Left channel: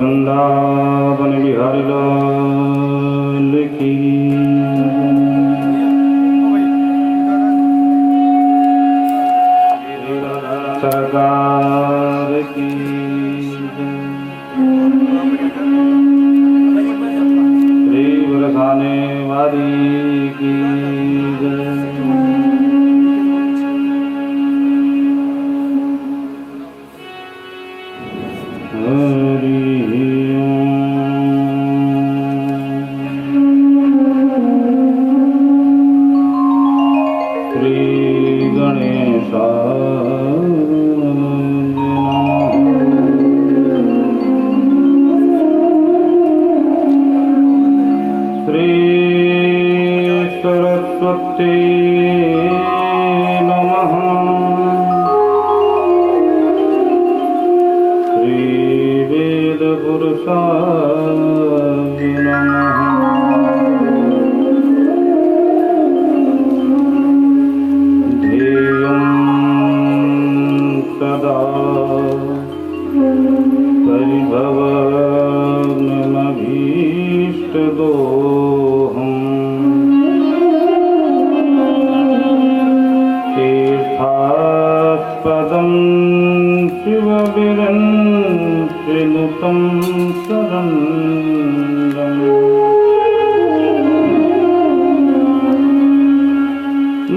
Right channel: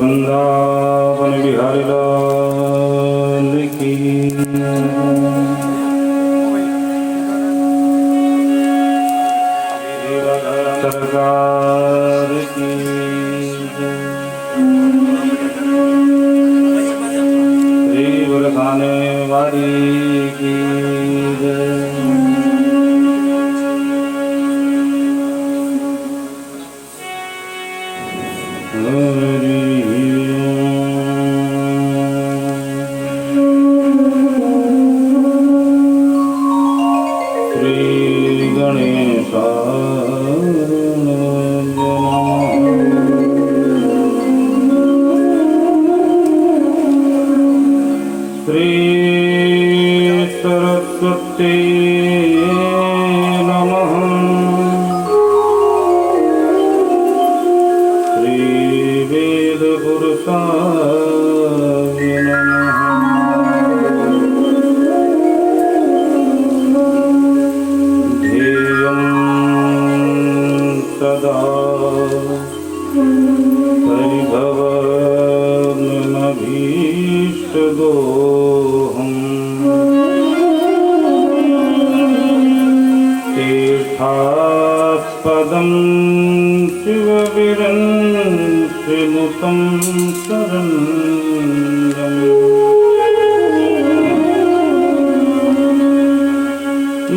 वृंदावन बिहारी लाल की। सरकार की। श्री बरखाने वाली की।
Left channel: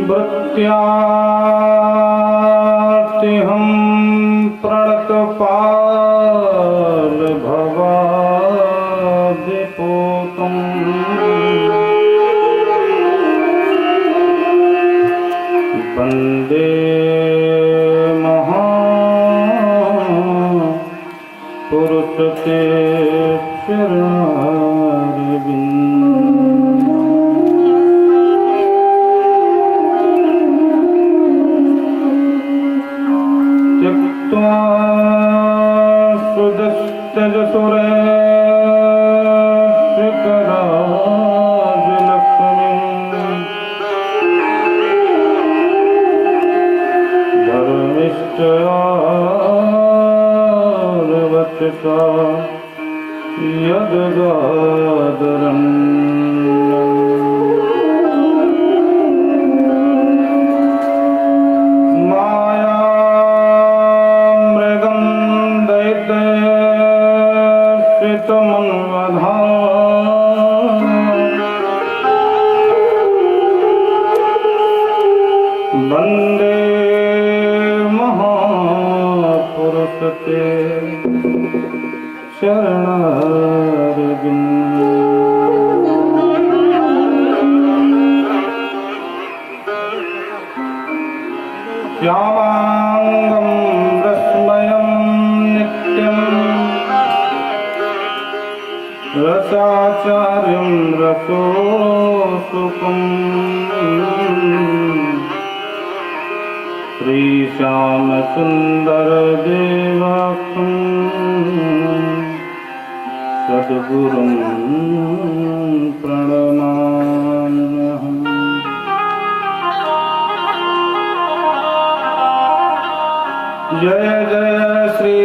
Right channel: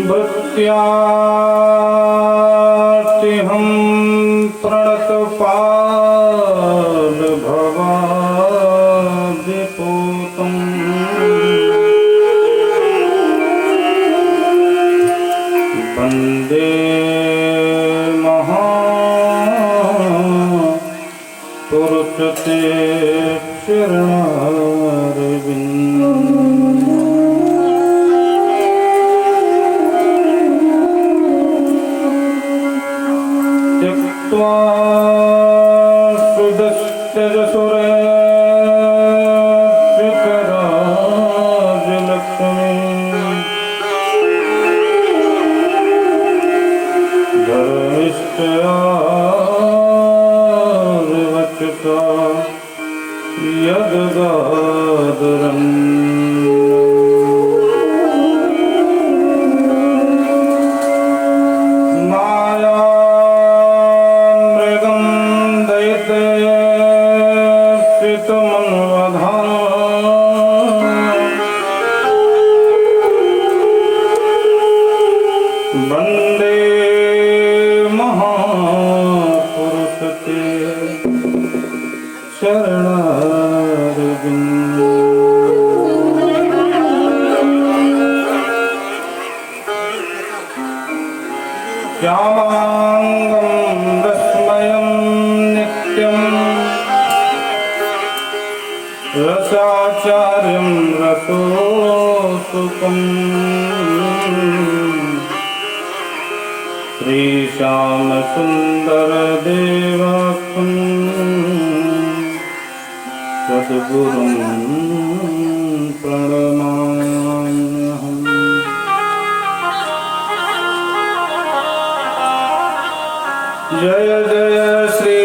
भक्त्यार्तिहं प्रणतपाल भवाब्जपूतं वन्दे महापुरुषते रसाचार्यं रसोसुकं श्रीश्यामसुन्दरदेवकं सद्गुरुं प्रणमाम्यहम्। जय जय श्री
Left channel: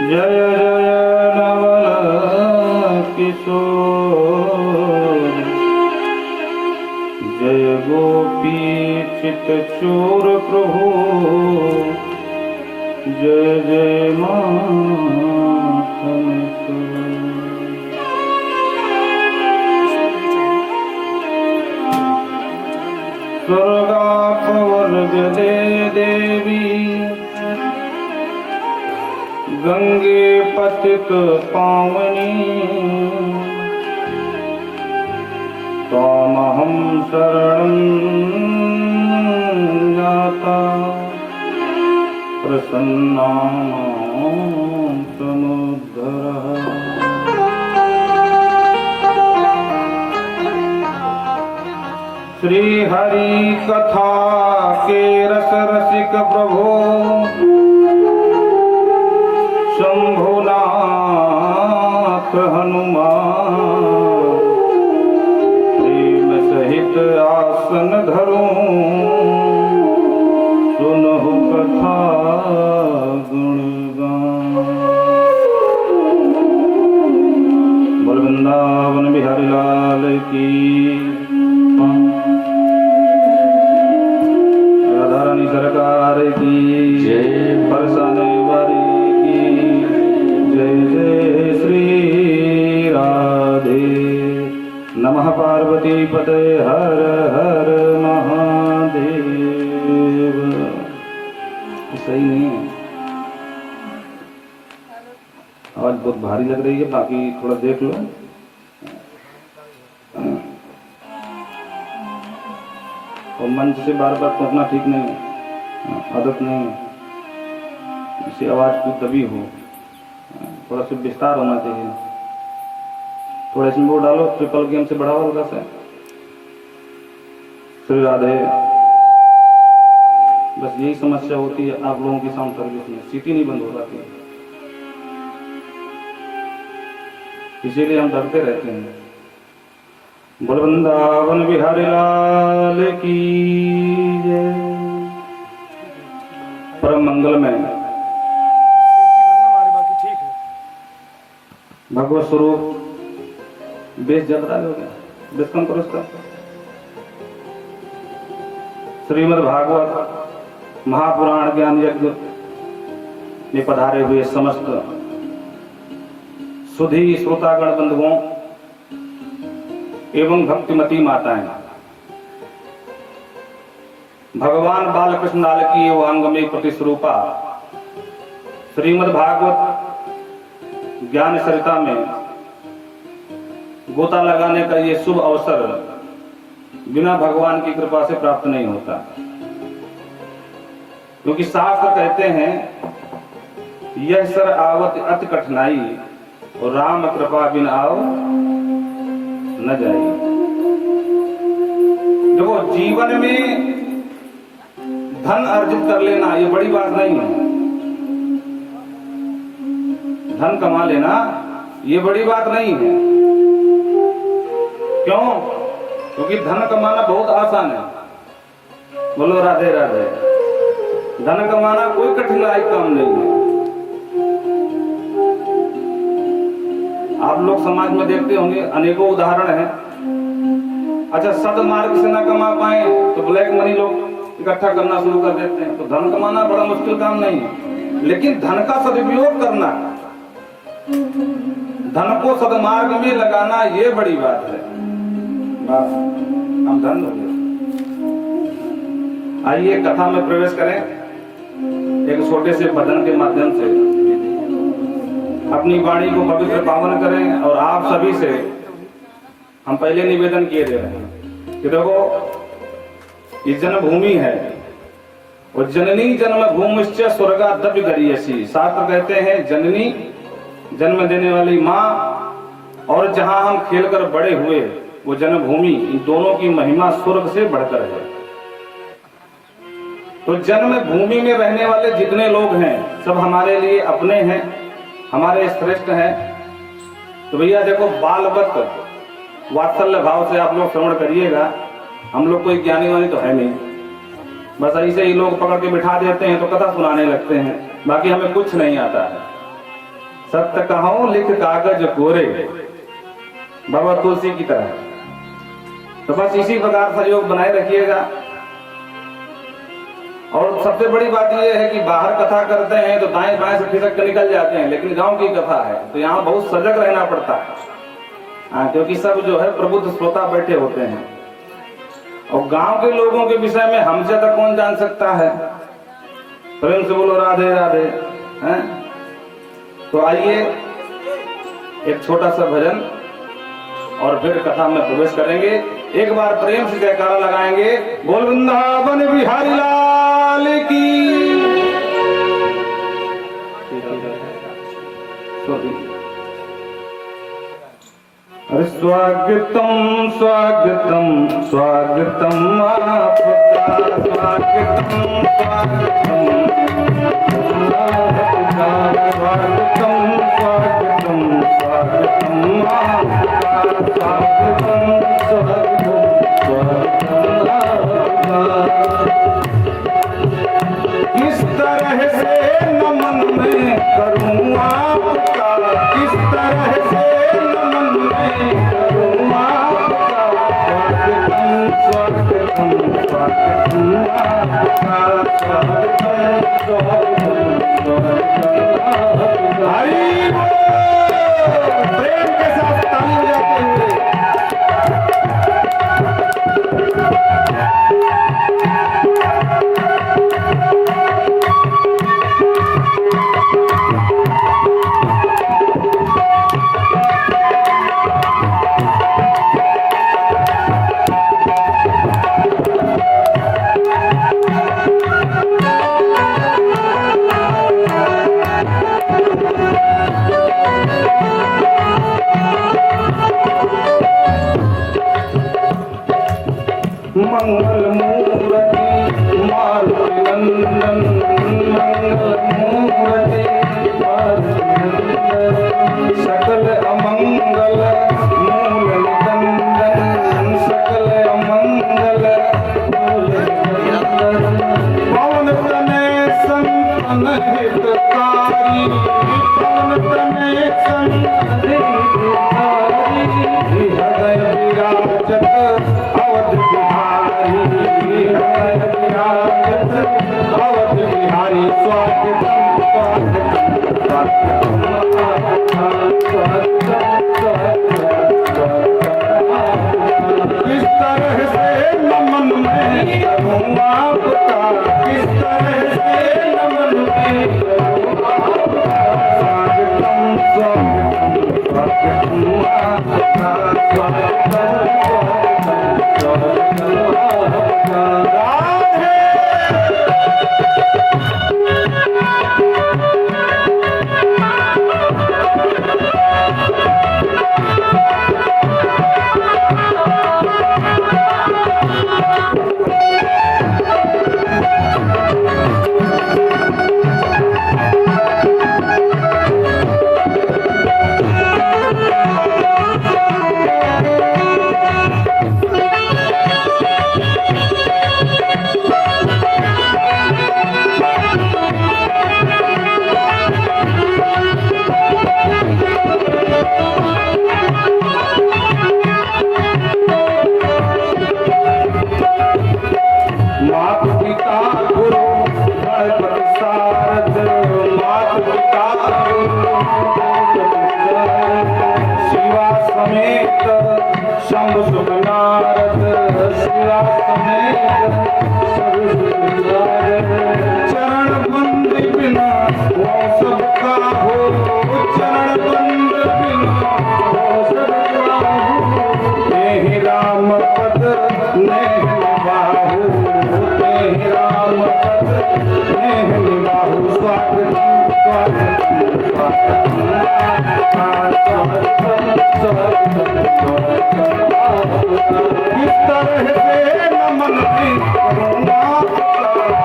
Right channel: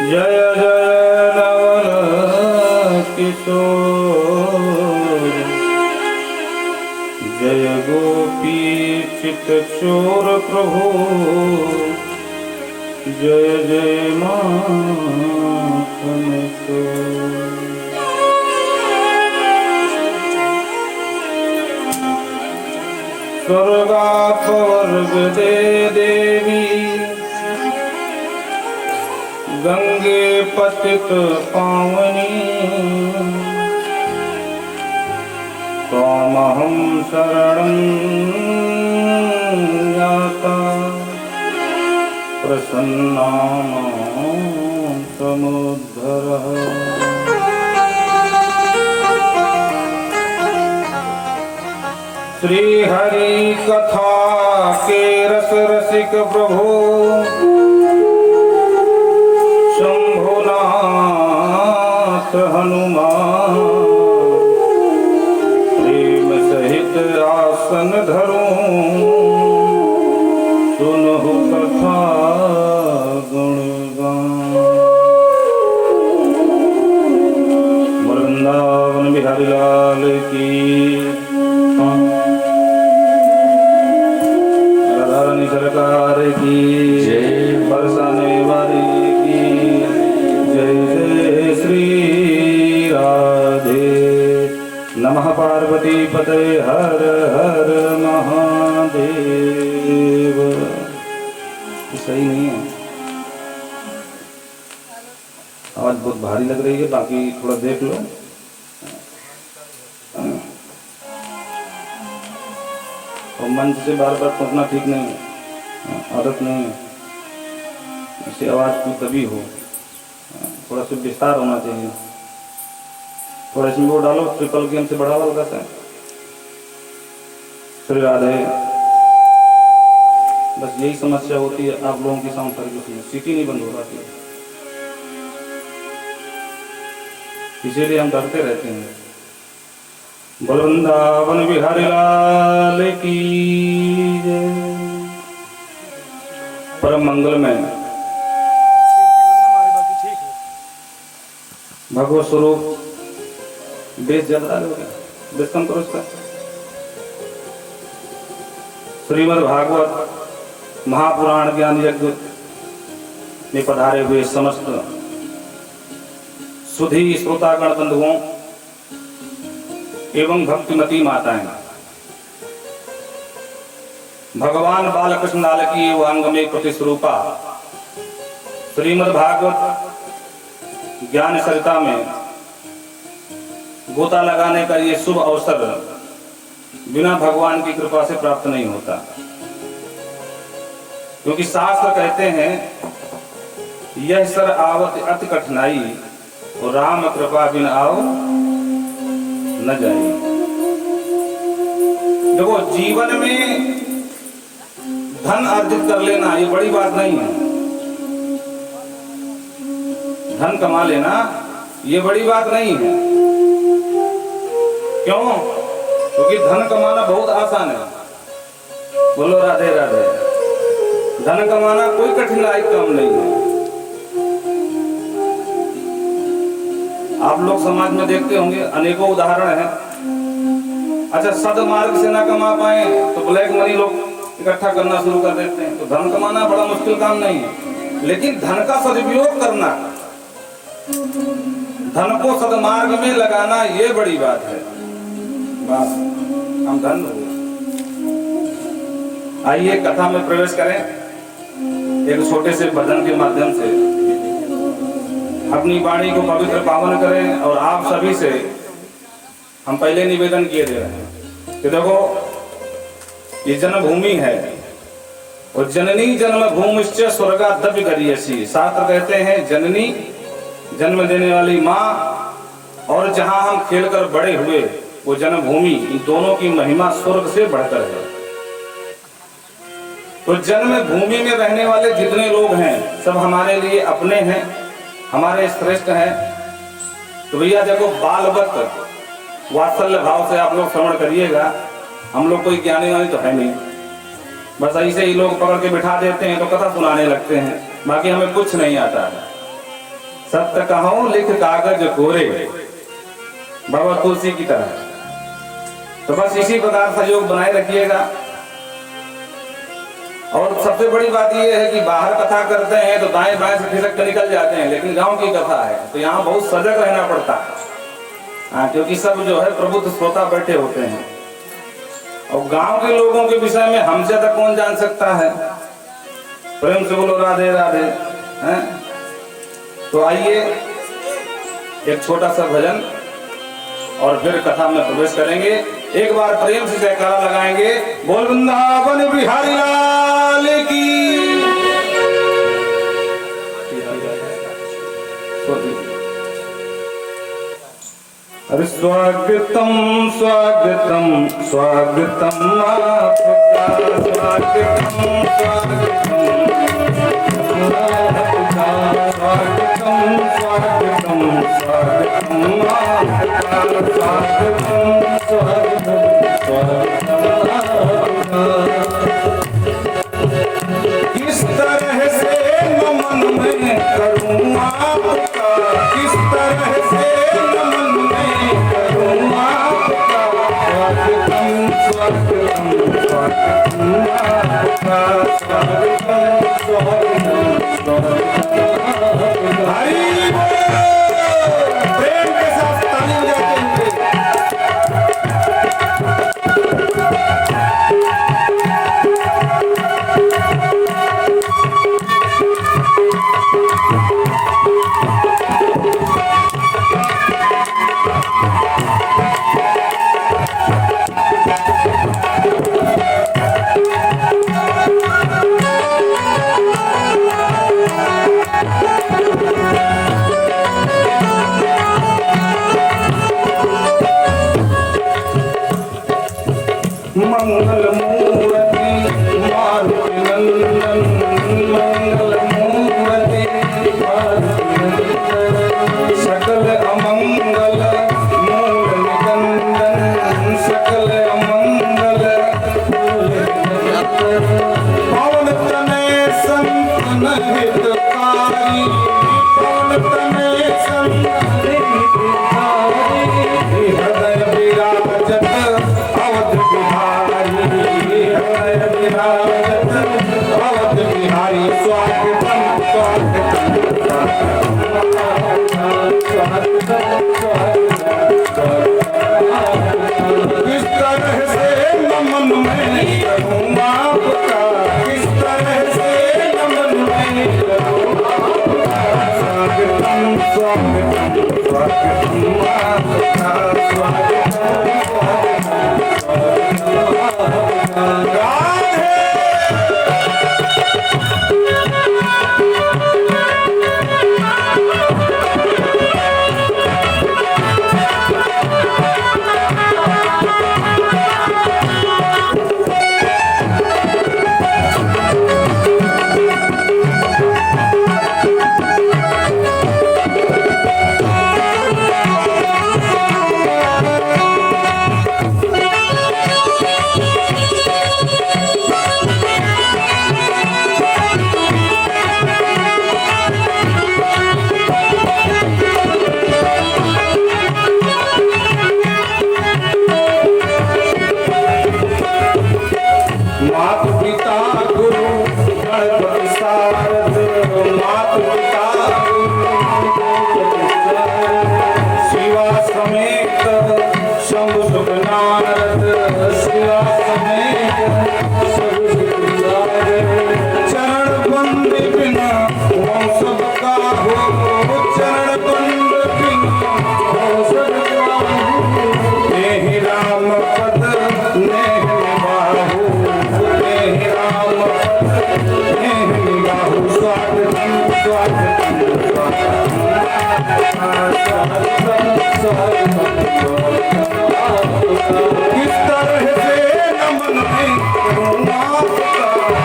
जय जय नवल किशोर, जय गोपी चित चोर प्रभु, जय जय माखन चोर। स्वर्गापवर्ग दे देवी, गंगे पतित पावनी, त्वामहं शरणं जाता, प्रसन्ना मां समुद्धरः। श्री हरि कथा के रस रसिक प्रभु, शंभुनाथ हनुमान, प्रेम सहित आसन धरो, सुनहु सही नहीं है। आज बहुत भारी लग रही है, बाकी थोड़ा देख लो। और मंच से बार बार टूटना ठीक नहीं है, आदत नहीं है। इससे आवाज़ की तभी हो, थोड़ा सा विस्तार होना चाहिए। थोड़ा इसमें वो डालो, ट्रिपल गेम से बढ़ावा होगा सर। श्री राधे। बस यही समस्या होती है आप लोगों की साउंड सर्विस में, सीटी नहीं बंद हो पाती, इसीलिए हम डरते रहते हैं। बोल वृंदावन बिहारी लाल की परम मंगल में भगवत स्वरूप बेस ज्यादा हो गया, बेस कम करो उसका। श्रीमद् भागवत महापुराण ज्ञान यज्ञ में पधारे हुए समस्त सुधी श्रोतागण बंधुओं एवं भक्तिमती माताएं, भगवान बालकृष्ण लाल की एवं अंग में प्रतिस्वरूपा श्रीमद् भागवत ज्ञान सरिता में गोता लगाने का ये शुभ अवसर बिना भगवान की कृपा से प्राप्त नहीं होता, क्योंकि शास्त्र कहते हैं यह सर आवत अति कठिनाई और राम कृपा बिन आओ न जाए। देखो, जीवन में धन अर्जित कर लेना ये बड़ी बात नहीं है, धन कमा लेना ये बड़ी बात नहीं है। क्यों? क्योंकि धन कमाना बहुत आसान है। बोलो राधे राधे। धन कमाना कोई कठिनाई काम नहीं है। आप लोग समाज में देखते होंगे, अनेकों उदाहरण हैं। अच्छा, सदमार्ग से ना कमा पाए तो ब्लैक मनी लोग इकट्ठा करना शुरू कर देते हैं। तो धन कमाना बड़ा मुश्किल काम नहीं है, लेकिन धन का सदुपयोग करना, धन को सदमार्ग में लगाना ये बड़ी बात है। बस हम धन हो गए। आइए कथा में प्रवेश करें। एक छोटे से भजन के माध्यम से अपनी वाणी को पवित्र पावन करें। और आप सभी से हम पहले निवेदन किए दे रहे हैं कि देखो, ये जन्मभूमि है और जननी जन्मभूमिश्च स्वर्गादपि गरीयसी। शास्त्र कहते हैं जननी जन्म देने वाली माँ और जहां हम खेलकर बड़े हुए वो जन्मभूमि, इन दोनों की महिमा स्वर्ग से बढ़कर है। तो जन्म भूमि में रहने वाले जितने लोग हैं सब हमारे लिए अपने हैं, हमारे श्रेष्ठ हैं। तो भैया देखो, बालवत वात्सल्य भाव से आप लोग श्रवण करिएगा। हम लोग कोई ज्ञानी वानी तो है नहीं, बस ऐसे ही लोग पकड़ के बिठा देते हैं तो कथा सुनाने लगते हैं, बाकी हमें कुछ नहीं आता है। सत्य कहो लिख कागज कोरे, बाबा तुलसी की तरह। तो बस इसी प्रकार सहयोग बनाए रखिएगा। और सबसे बड़ी बात यह है कि बाहर कथा करते हैं तो दाएं बाएं से खिसक कर निकल जाते हैं, लेकिन गांव की कथा है तो यहाँ बहुत सजग रहना पड़ता है। क्योंकि सब जो है प्रबुद्ध श्रोता बैठे होते हैं और गांव के लोगों के विषय में हमसे तक कौन जान सकता है। प्रेम से बोलो राधे राधे। हैं? तो आइए एक छोटा सा भजन और फिर कथा में प्रवेश करेंगे। एक बार प्रेम से जयकारा लगाएंगे, बोल वृंदावन बिहारी लाल की। अरे स्वागतम स्वागतम स्वागतम आपका, स्वागतम स्वागतम स्वागतम स्वागतम स्वागतम आपका, स्वागतम किस तरह से नमन मैं करूं आपका, किस तरह से नमन मैं करूं आपका, स्वागतम स्वागतम स्वागतम आपका, स्वागतम स्वागतम स्वागतम। हरि प्रेम के साथ ताली बजाते हुए मूर्ति मारुति नंदन मंगल मूर्ति सकल अमंगल मूल निकंदन सकल अमंगल मूल निकंदन पवन तनय संतन हितकारी पवन तनय संतन हितकारी हृदय विराजत अवध बिहारी हृदय विराजत अवध बिहारी स्वागतम किस तरह से नमन में करूँगा आपका किस तरह से नमन में करूँगा स्वागतम स्वागतम स्वागतम आपका स्वागतम मातु पिता गुरु गणपति सारद मातु पिता गुरु शिवा समेत शंभु सुत नारद शिवा समेत शंभु सुत नारद चरण बंद बिना वो सब का हो चरण बंद बिना वो सब का हो नेहि राम पद नेहि निबाहु नेहि राम पद नेहि निबाहु स्वागतम स्वागतम किस तरह से नमन में करूँगा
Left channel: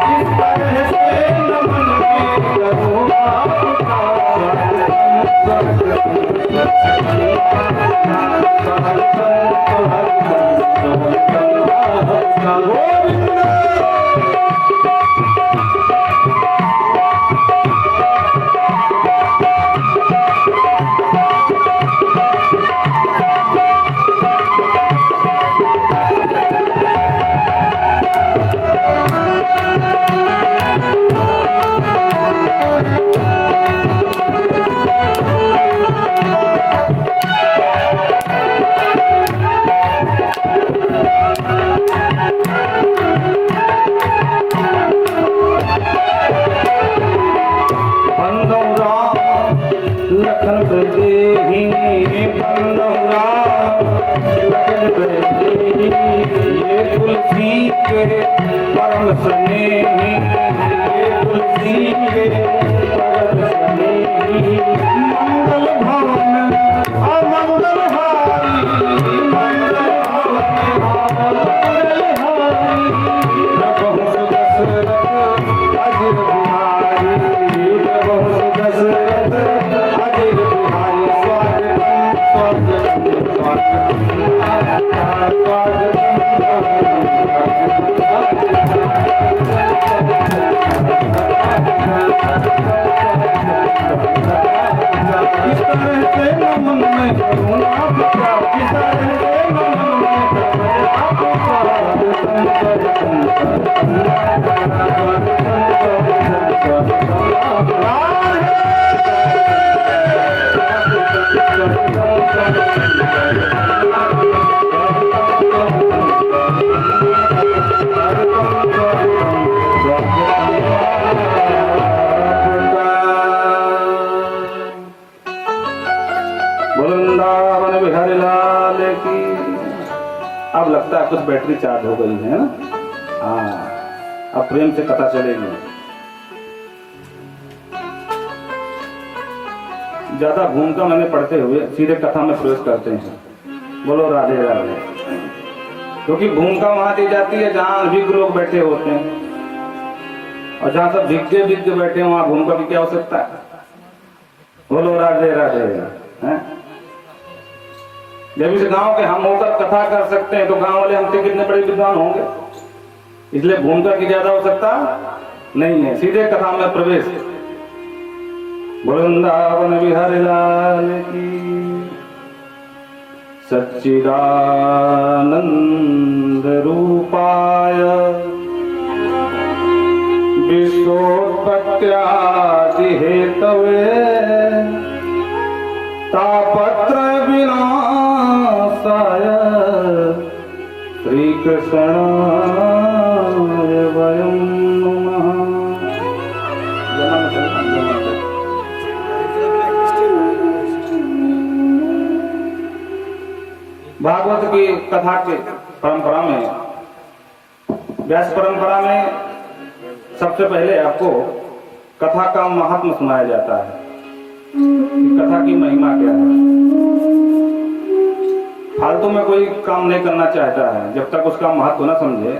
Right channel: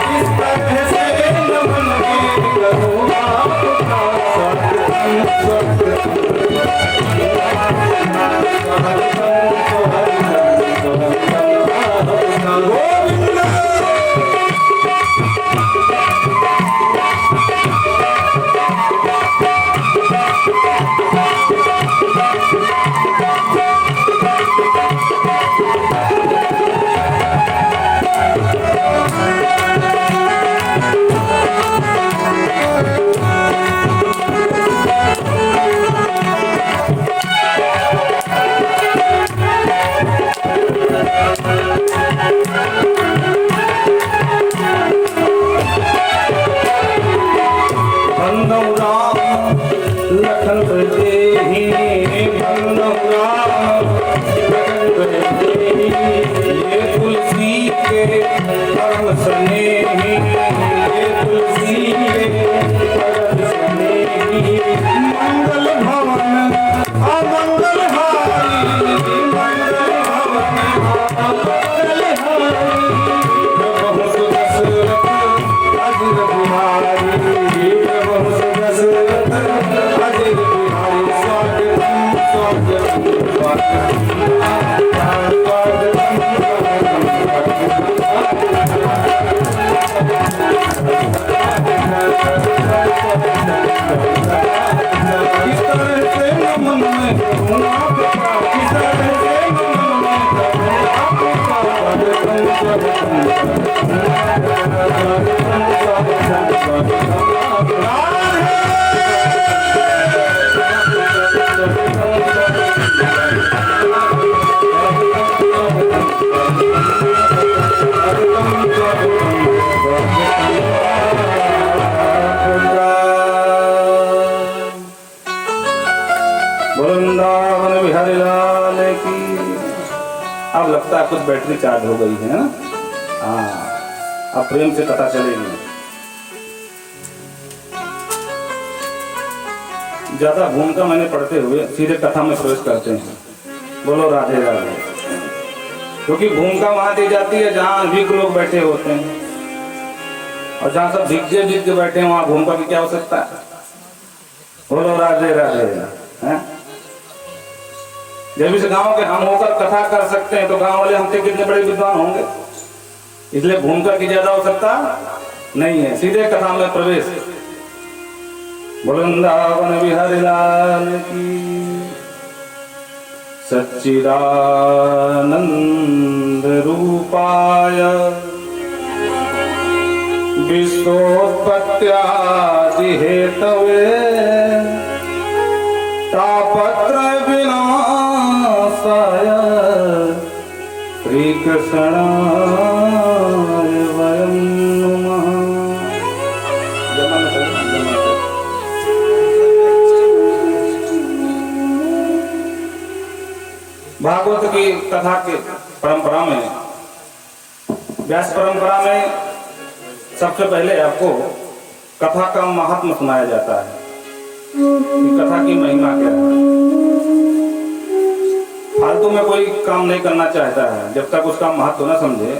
किस तरह से नमन में करूँगा स्वागतम लखन बदेही ये तुलसी के परम स्नेही ये तुलसी के परम स्नेही मंगल भवन अमंगल हारी मंगल भवन अमंगल हारी प्रभु सुदशरथ अजिर बिहारी प्रभु सुदशरथ अजिर बिहारी स्वागतम स्वागतम किस तरह से नमन में करूँ आपका किस तरह से नमन में करूँ वृंदावन बिहारी लाल की। अब लगता है कुछ बैटरी चार्ज हो गई है ना। हाँ, अब प्रेम से कथा चलेगी। ज्यादा भूमिका मैंने पढ़ते हुए सीधे कथा में प्रवेश करते हैं। बोलो राधे राधे। क्योंकि भूमिका वहां दी जाती है जहां अधिक लोग बैठे होते हैं, और जहां सब भिज्जे भिज्जे बैठे हैं वहां भूमिका की क्या आवश्यकता है। बोलो राधे राधे हैं। जब इस गांव के हम होकर कथा कर सकते हैं तो गांव वाले हमसे कितने बड़े विद्वान होंगे। इसलिए भूमिका की ज्यादा आवश्यकता नहीं है, सीधे कथा में प्रवेश। वृंदावन बिहारी लाल की सच्चिदानंद रूपाय विश्वोत्पत्त्यादि हेतवे तापत्र विनाशाय श्री कृष्णाय वयं नमः। भागवत की कथा के परंपरा में, व्यास परंपरा में सबसे पहले आपको कथा का महात्म सुनाया जाता है कि कथा की महिमा क्या है। फालतू में कोई काम नहीं करना चाहता है जब तक उसका महत्व न समझे।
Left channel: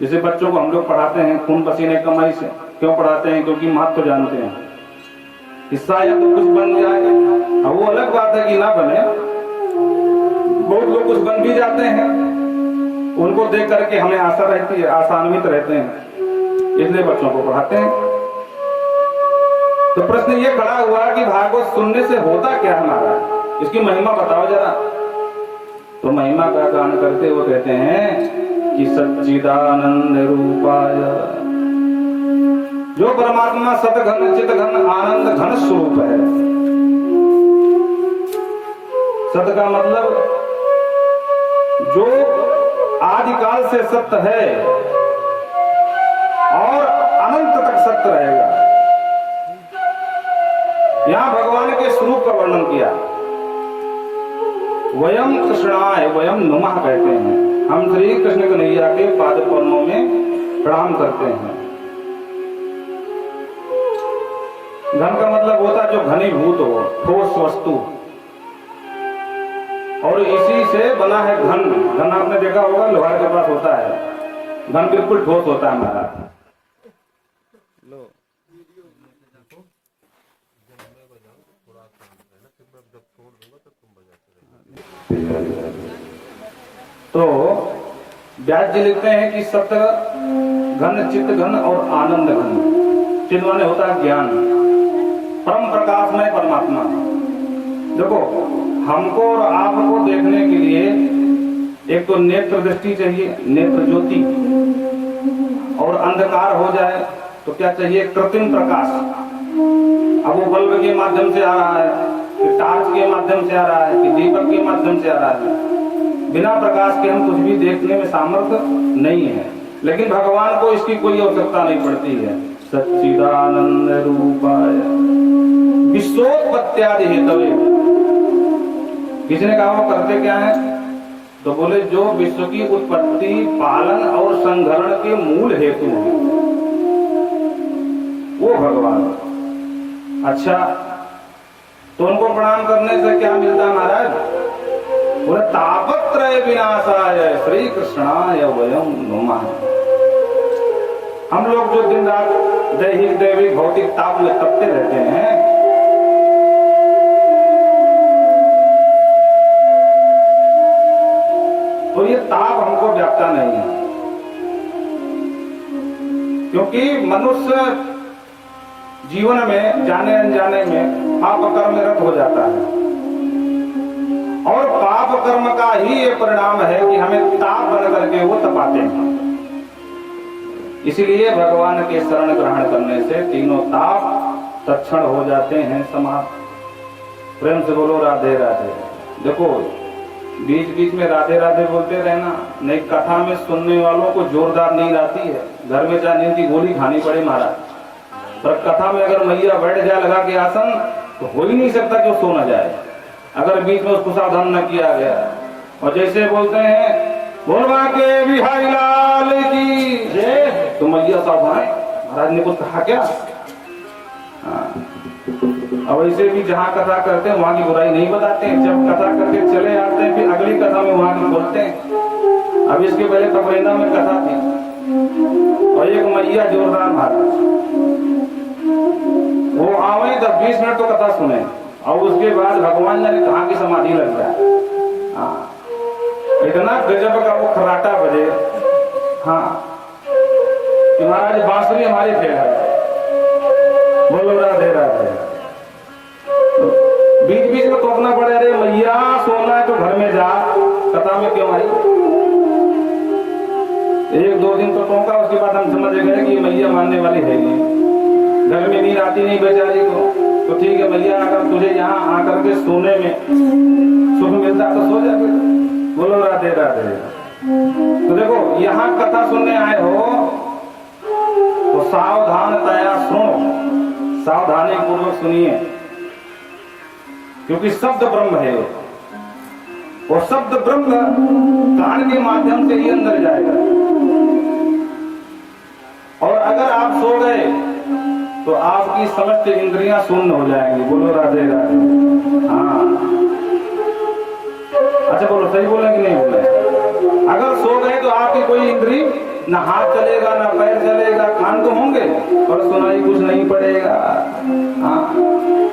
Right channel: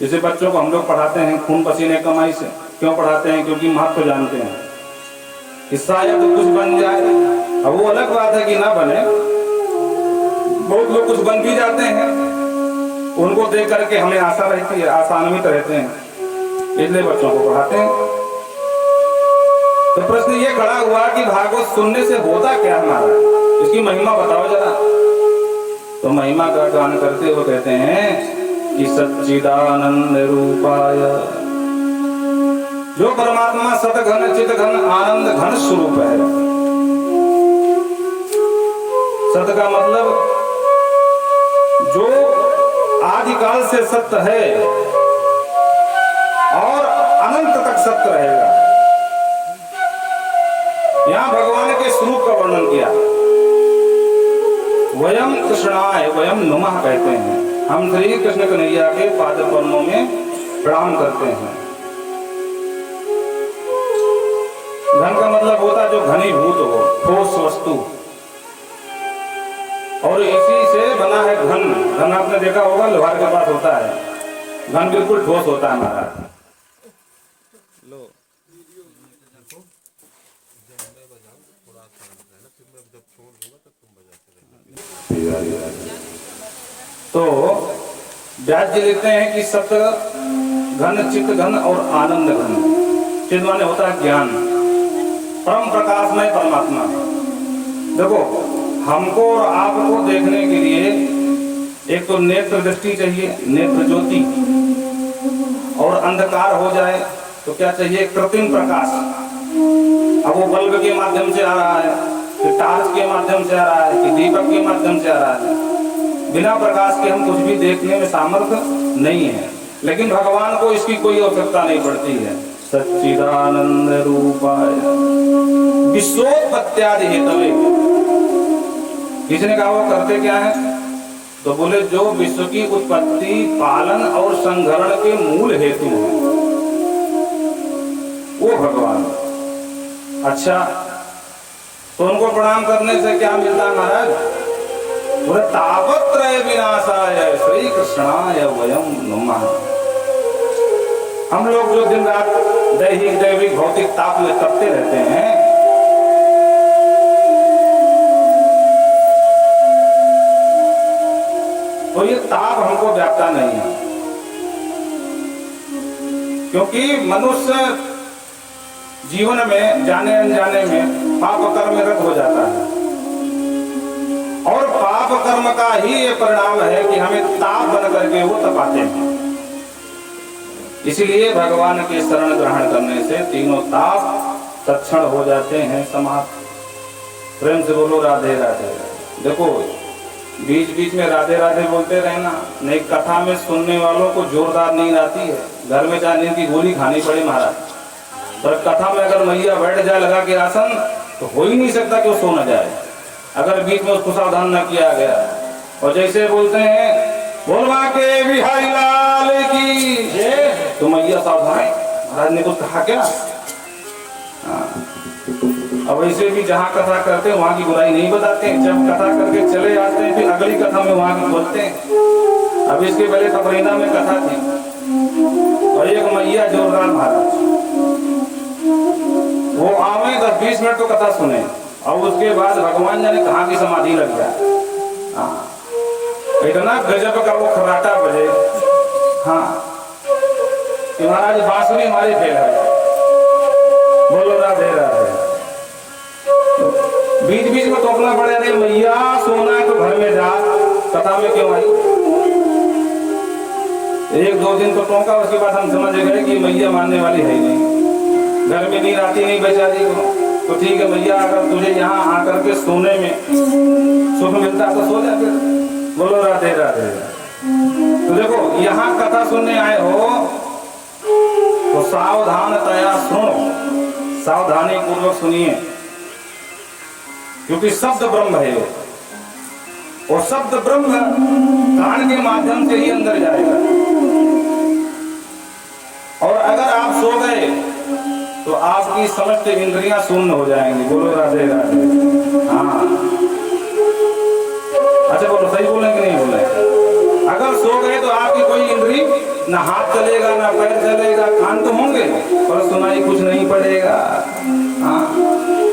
जैसे बच्चों को हम लोग पढ़ाते हैं खून पसीने कमाई से, क्यों पढ़ाते हैं? क्योंकि महत्व जानते हैं कि शायद कुछ बन जाए। अब वो अलग बात है कि ना बने, बहुत लोग कुछ बन भी जाते हैं, उनको देख करके हमें आशा रहती है, आशान्वित रहते हैं, इसलिए बच्चों को पढ़ाते हैं। तो प्रश्न ये खड़ा हुआ कि भागवत सुनने से होता क्या हमारा, इसकी महिमा बताओ जरा। तो महिमा का गान करते हुए कहते हैं कि सच्चिदानंद रूपाय, जो परमात्मा सतघन चितघन आनंद घन स्वरूप है। सत का मतलब जो आदिकाल से सत्य है और अनंत तक सत्य रहेगा। यहां भगवान के स्वरूप का वर्णन किया। वयम कृष्णाय वयम नमः कहते हैं, हम श्री कृष्ण कन्हैया के पाद पद्मों में प्रणाम करते हैं। घन का मतलब होता है जो घनीभूत हो, ठोस वस्तु, और इसी से बना है घन। घन आपने देखा होगा लोहार के पास होता है, घन बिल्कुल ठोस होता है हमारा। लो तो व्यास जी लिखते हैं कि सत्य घन चित्त घन और आनंद घन। चित्त माने होता है ज्ञान, परम प्रकाश में परमात्मा। देखो हमको और आपको देखने के लिए एक तो नेत्र दृष्टि चाहिए, नेत्र ज्योति, और अंधकार हो जाए तो क्या चाहिए? कृत्रिम प्रकाश। अब वो बल्ब के माध्यम से आ रहा है, कि टार्च के माध्यम से आ रहा है, कि दीपक के माध्यम से आ रहा है, बिना प्रकाश के हम कुछ भी देखने में सामर्थ्य नहीं है। लेकिन भगवान को इसकी कोई आवश्यकता नहीं पड़ती है। सच्चिदानंद रूपाय विश्वोत्पत्त्यादि हेतवे। किसी ने कहा वो करते क्या है? तो बोले जो विश्व की उत्पत्ति, पालन और संघरण के मूल हेतु है वो भगवान। अच्छा, तो उनको प्रणाम करने से क्या मिलता है महाराज? बोले तापत्रय विनाशाय श्री कृष्णाय वयम नमः। हम लोग जो दिन रात दैहिक दैविक भौतिक ताप में तपते रहते हैं, तो ये ताप हमको व्यापता नहीं है, क्योंकि मनुष्य जीवन में जाने अनजाने में पाप कर्म में रत हो जाता है, और पाप कर्म का ही ये परिणाम है कि हमें ताप बन करके वो तपाते हैं। इसीलिए भगवान के शरण ग्रहण करने से तीनों ताप तत्क्षण हो जाते हैं समाप्त। प्रेम से बोलो राधे राधे। देखो बीच बीच में राधे राधे बोलते रहना, नहीं कथा में सुनने वालों को जोरदार नींद आती है, घर में चाहे नींद की गोली खानी पड़े महाराज, पर कथा में अगर मैया बैठ जाए लगा के आसन तो हो ही नहीं सकता कि वो सो न जाए, अगर बीच में उसको सावधान न किया गया। और जैसे बोलते हैं बोलवा के बिहारी लाल की तो मैया सावधान है, महाराज ने कुछ कहा क्या? अब वैसे भी जहाँ कथा करते हैं वहाँ की बुराई नहीं बताते हैं, जब कथा करके चले आते हैं फिर अगली कथा में वहाँ की बोलते हैं। अब इसके पहले कबरीना में कथा थी और एक मैया जोरदार महाराज वो आवे 10-20 मिनट तो कथा सुने और उसके बाद भगवान जाने कहाँ की समाधि लग जाए। हाँ, इतना गजब का वो खर्राटा बजे। हाँ, महाराज बांसुरी हमारे फेल है, बोलो राधे राधे। बीच बीच में टोकना पड़े, अरे मैया सोना है तो घर में जा, कथा में क्यों आई। 1-2 दिन तो टोका, उसके बाद हम समझ गए कि मैया मानने वाली है नहीं, घर में नींद आती नहीं बेचारी को। तो ठीक है मैया, अगर तुझे यहाँ आकर के सोने में सुख मिलता तो सो जाते। बोलो राधे राधे। तो देखो यहाँ कथा सुनने आए हो तो सावधानतया सुनो, सावधानी पूर्वक सुनिए, क्योंकि शब्द ब्रह्म है और शब्द ब्रह्म कान के माध्यम से ही अंदर जाएगा। और अगर आप सो गए तो आपकी समस्त इंद्रियां शून्य हो जाएंगी। बोलो राधे राधे। हाँ, अच्छा बोलो, सही बोले कि नहीं बोले। अगर सो गए तो आपकी कोई इंद्री, ना हाथ चलेगा ना पैर चलेगा, कान तो होंगे पर सुनाई कुछ नहीं पड़ेगा। हाँ,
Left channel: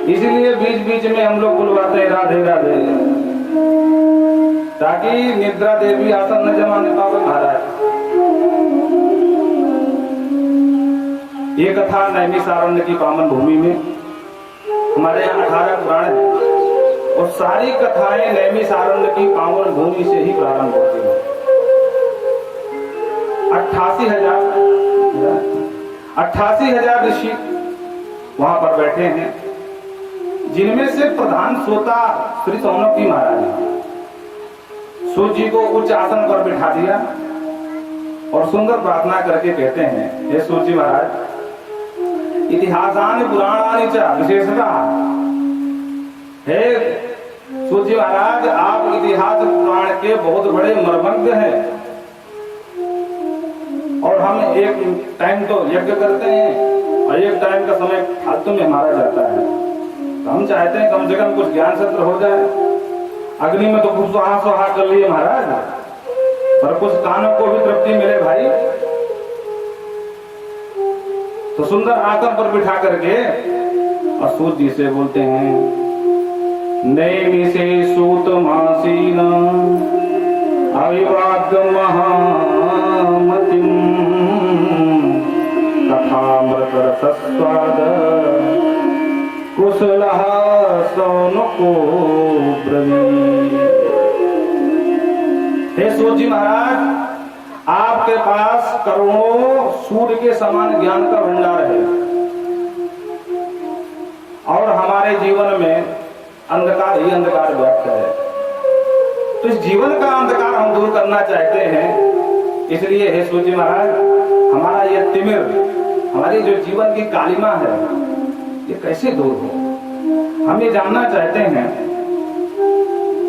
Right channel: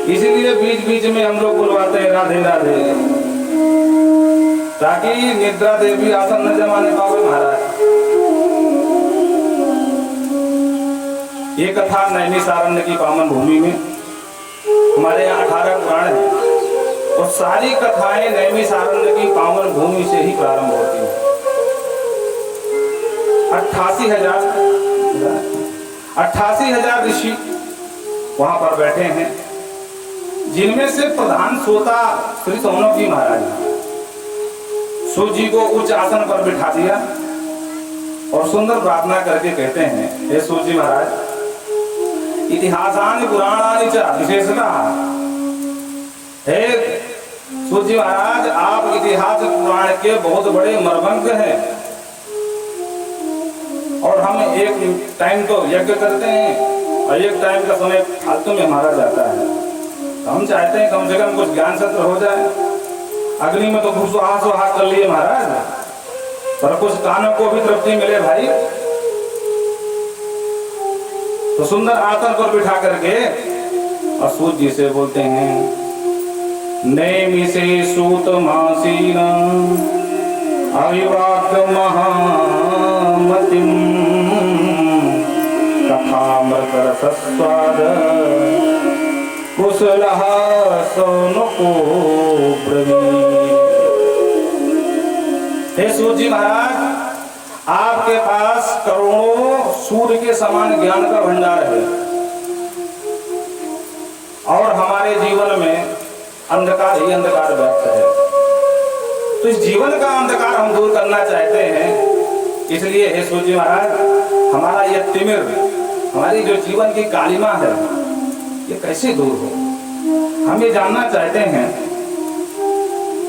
इसीलिए बीच बीच में हम लोग बुलवाते हैं राधे राधे, ताकि निद्रा देवी आसन न जमाने पावे महाराज। ये कथा नैमिषारण्य की पावन भूमि में, हमारे यहाँ 18 पुराण है और सारी कथाएं नैमिषारण्य की पावन भूमि से ही प्रारंभ होती है। 88,000 ऋषि वहां पर बैठे हैं, जिनमें से प्रधान श्रोता श्री सौनकी महाराज हैं। सूर्य जी को उच्च आसन पर बिठा दिया और सुंदर प्रार्थना करके कहते हैं, हे सूर्य जी महाराज, इतिहासानि पुराणानि च विशेषतः। हे सूर्य जी महाराज, आप इतिहास पुराण के बहुत बड़े मर्मज्ञ हैं और हम एक टाइम तो यज्ञ करते हैं और एक टाइम का समय फालतू में मारा जाता है। हम चाहते हैं कम से कम कुछ ज्ञान सत्र हो जाए। अग्नि में तो खूब सुहा कर लिए महाराज, पर कुछ कान को भी तृप्ति मिले भाई। तो सुंदर आसन पर बिठा करके और सूत जी से बोलते हैं, नैमिषे सूत मासीना अविवाद महामतिम कथामृत रसस्वाद कुशलः सौनको ब्रवीत। हे सूर्य जी महाराज, आपके पास करोड़ों सूर्य के समान ज्ञान का भंडार है और हमारे जीवन में अंधकार ही अंधकार व्याप्त है। तो इस जीवन का अंधकार हम दूर करना चाहते हैं। इसलिए हे सूर्य जी महाराज, हमारा यह तिमिर, हमारी जो जीवन की कालिमा है, ये कैसे दूर हो। हम ये जानना चाहते हैं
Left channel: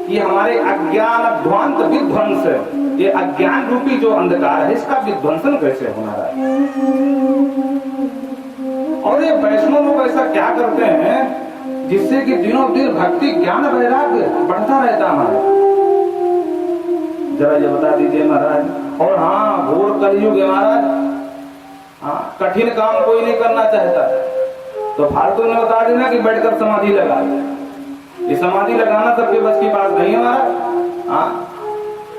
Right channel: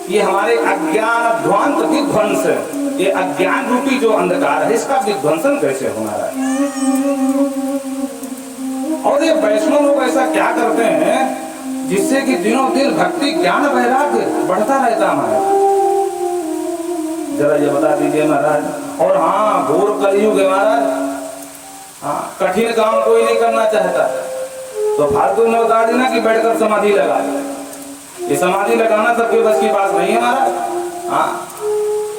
कि हमारे अज्ञान ध्वांत विध्वंस, ये अज्ञान रूपी जो अंधकार है, इसका विध्वंसन कैसे होना है। और ये वैष्णव लोग ऐसा क्या करते हैं जिससे कि दिनों दिन भक्ति ज्ञान वैराग्य बढ़ता रहता है, जरा ये बता दीजिए महाराज। और हाँ, घोर कलयुग है महाराज। हाँ, कठिन काम कोई नहीं करना चाहता, तो फालतू में बता देना कि बैठकर समाधि लगा। ये समाधि लगाना सबके बस की बात नहीं है महाराज। हाँ,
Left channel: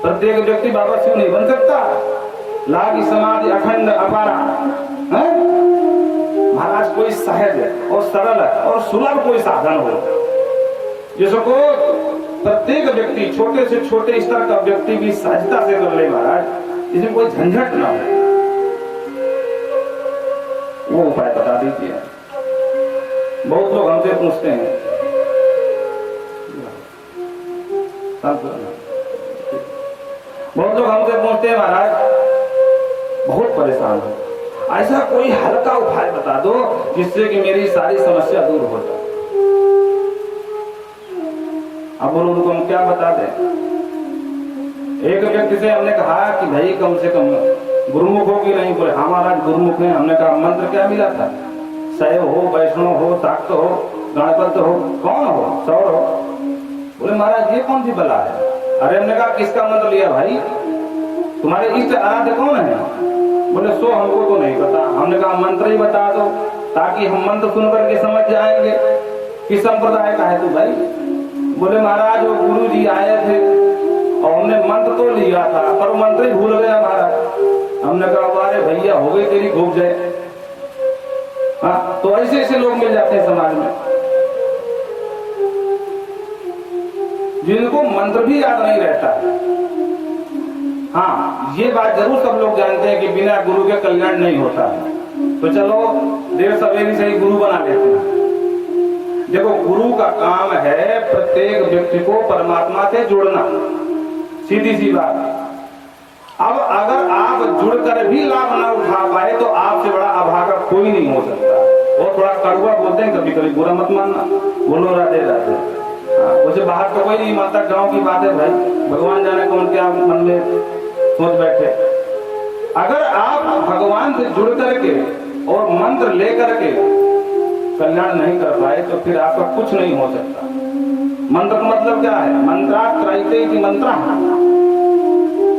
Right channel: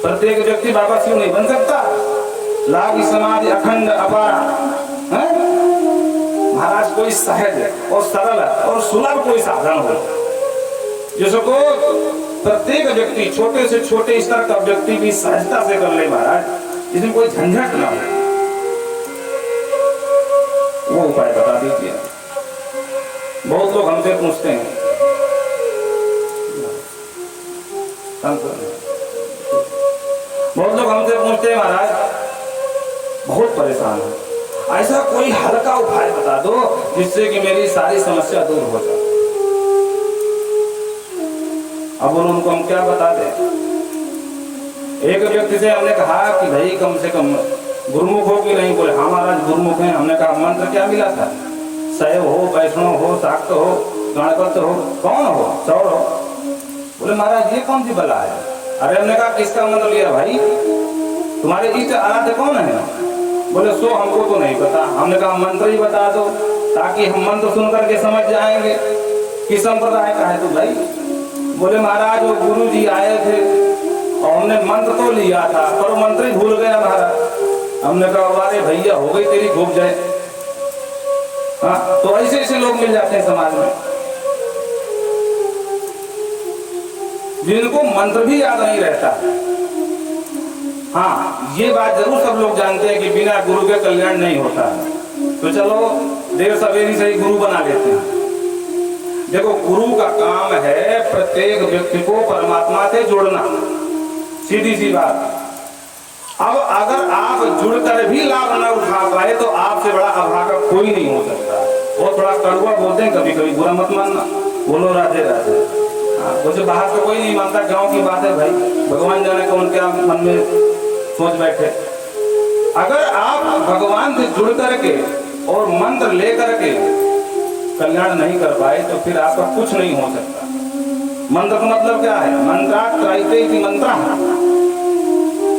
प्रत्येक व्यक्ति बाबा शिव नहीं बन सकता। लागी समाधि अखंड अपारा है महाराज, कोई सहज और सरल और सुलभ कोई साधन हो जिसको प्रत्येक व्यक्ति, छोटे से छोटे स्तर का व्यक्ति भी सहजता से कर ले महाराज, इसमें कोई झंझट ना हो, वो उपाय बता दीजिए। बहुत लोग हमसे पूछते हैं, बहुत लोग हमसे पूछते हैं महाराज, बहुत परेशान हो, ऐसा कोई हल्का उपाय बता दो जिससे कि मेरी सारी समस्या दूर हो जाए। अब उनको हम क्या बता दें। एक व्यक्ति से हमने कहा कि भाई कम से कम गुरुमुख हो कि नहीं। बोले हाँ महाराज गुरुमुख है। हमने कहा मंत्र क्या मिला था? शैव हो, वैष्णव हो, शाक्त हो, गणपत हो, कौन हो, सौर हो। बोले महाराज ये कौन सी बला है? अरे हमने कहा किसका मंत्र लिया भाई? तुम्हारे इष्ट आराध्य कौन है? बोले सो हमको तो नहीं पता। हमने कहा मंत्र ही बता दो ताकि हम मंत्र सुन करके समझ जाएंगे किस संप्रदाय का है तू भाई। बोले महाराज वो गुरु जी आए थे और हमने मंत्र तो लिया था पर मंत्र ही भूल गया महाराज। हमने कहा अरे भैया हो गई तेरी खूब जय। हाँ, तो ऐसे ऐसे लोग मिल जाते हैं समाज में जिनको मंत्र भी याद नहीं रहता। हाँ, ये बात जरूर सब लोग जानते हैं कि बिना गुरु के कल्याण नहीं होता। तो चलो देर सवेरी से ही गुरु बना लेते हैं। देखो गुरु का काम है प्रत्येक व्यक्ति को परमात्मा से जोड़ना, सीधी सी बात। अब अगर आप जुड़कर भी लाभ ना उठा पाए तो आपसे बड़ा अभागा कोई नहीं हो सकता। वो थोड़ा कड़वा बोलते हैं कभी कभी, बुरा मत मानना। बोलो राधे राधे। मुझे बाहर तो कोई नहीं मानता, गांव की बात है भाई, भगवान जाने कौन क्या मन में सोच बैठे। अगर आप भगवान से जुड़ करके और मंत्र लेकर के कल्याण नहीं कर पाए तो फिर आपका कुछ नहीं हो सकता। मंत्र का मतलब क्या है? मंत्रा त्रायते इति मंत्रः,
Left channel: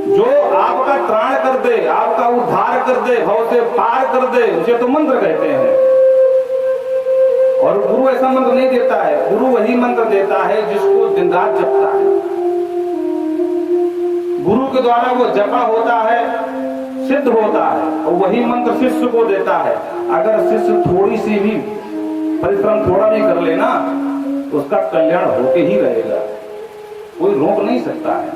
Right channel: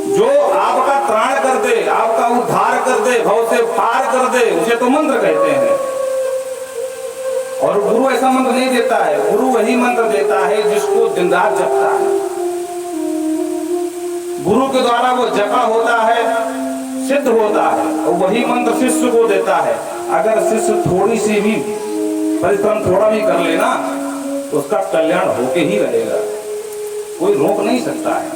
जो आपका त्राण कर दे, आपका उद्धार कर दे, भव से पार कर दे, उसे तो मंत्र कहते हैं। और गुरु ऐसा मंत्र नहीं देता है। गुरु वही मंत्र देता है जिसको दिन रात जपता है। गुरु के द्वारा वो जपा होता है, सिद्ध होता है, और वही मंत्र शिष्य को देता है। अगर शिष्य थोड़ी सी भी परिश्रम थोड़ा भी कर लेना उसका कल्याण होके ही रहेगा, कोई रोक नहीं सकता है।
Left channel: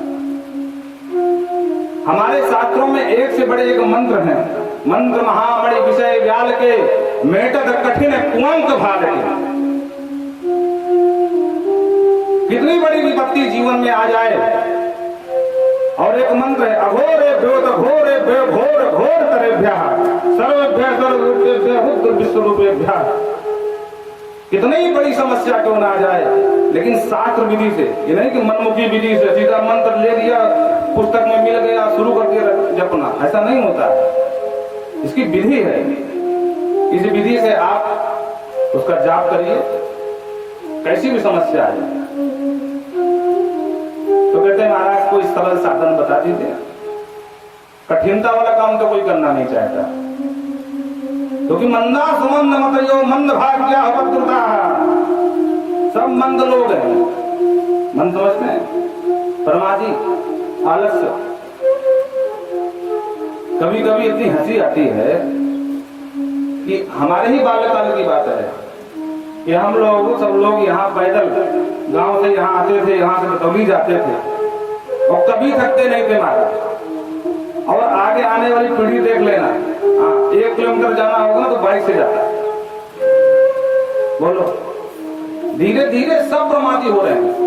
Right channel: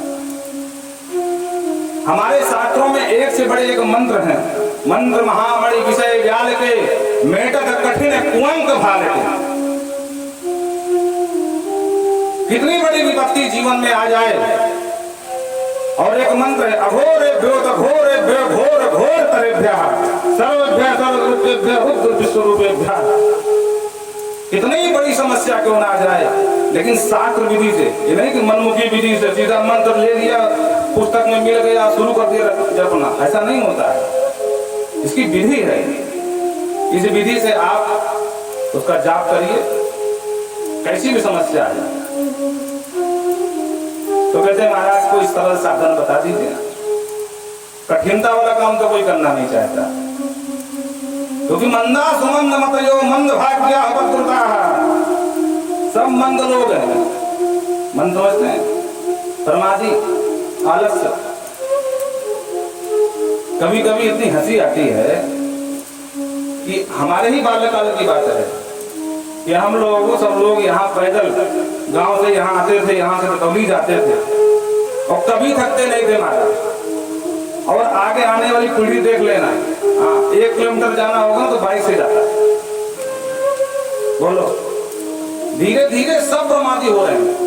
हमारे शास्त्रों में एक से बड़े एक मंत्र है। मंत्र महाबड़ी विषय जाल के मेटक कठिन कुंवंक भाल के। कितनी बड़ी विपत्ति जीवन में आ जाए और एक मंत्र है अघोरे ब्योत घोरे ब्यो घोर घोर तरेभ्यः सर्वभ्यः सर्वरूपेभ्यः रुद्र विश्वरूपेभ्यः। कितनी बड़ी समस्या क्यों ना आ जाए, लेकिन शास्त्र विधि से, ये नहीं कि मनमुखी विधि से सीधा मंत्र ले लिया, पुस्तक में मिल गया, शुरू कर दिया जपना, ऐसा नहीं होता है। इसकी विधि है। इस विधि से आप उसका जाप करिए, कैसी भी समस्या आ जाए। तो कहते हैं महाराज कोई सरल साधन बता दीजिए। कठिनता वाला काम तो कोई करना नहीं चाहता, क्योंकि मंदा सुमंद मतयो मंद भाग्य अवकृता, सब मंद लोग हैं। मंद समझते हैं, प्रमादी, आलस्य। कभी कभी इतनी हंसी आती है कि हमारे ही बाल्यकाल की बात है कि हम लोग सब लोग यहाँ पैदल गांव से यहाँ आते थे, यहाँ से तबलीग जाते थे और कभी थकते नहीं थे महाराज। और आगे आने वाली पीढ़ी देख लेना, 1 किलोमीटर जाना होगा तो बाइक से जाता। बोलो, धीरे धीरे सब प्रमादी हो रहे हैं।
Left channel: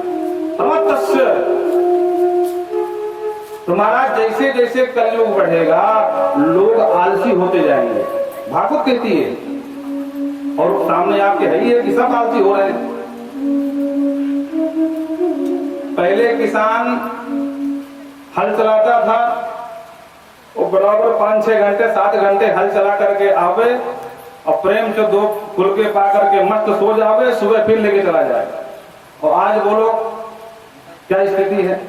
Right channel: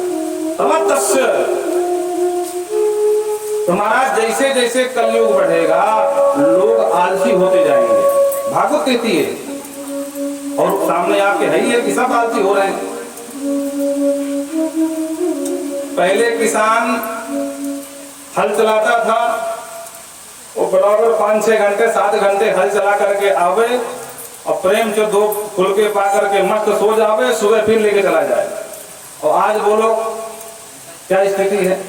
तो महाराज जैसे जैसे कलयुग बढ़ेगा लोग आलसी होते जाएंगे। भागवत कहती है और सामने आपके है ही है कि सब आलसी हो रहे हैं। पहले किसान हल चलाता था, वो बराबर 5-6 घंटे 7 घंटे हल चला करके आवे और प्रेम से 2 फुलके पा करके मस्त सो जावे, सुबह फिर लेके चला जाए। और आज बोलो क्या स्थिति है?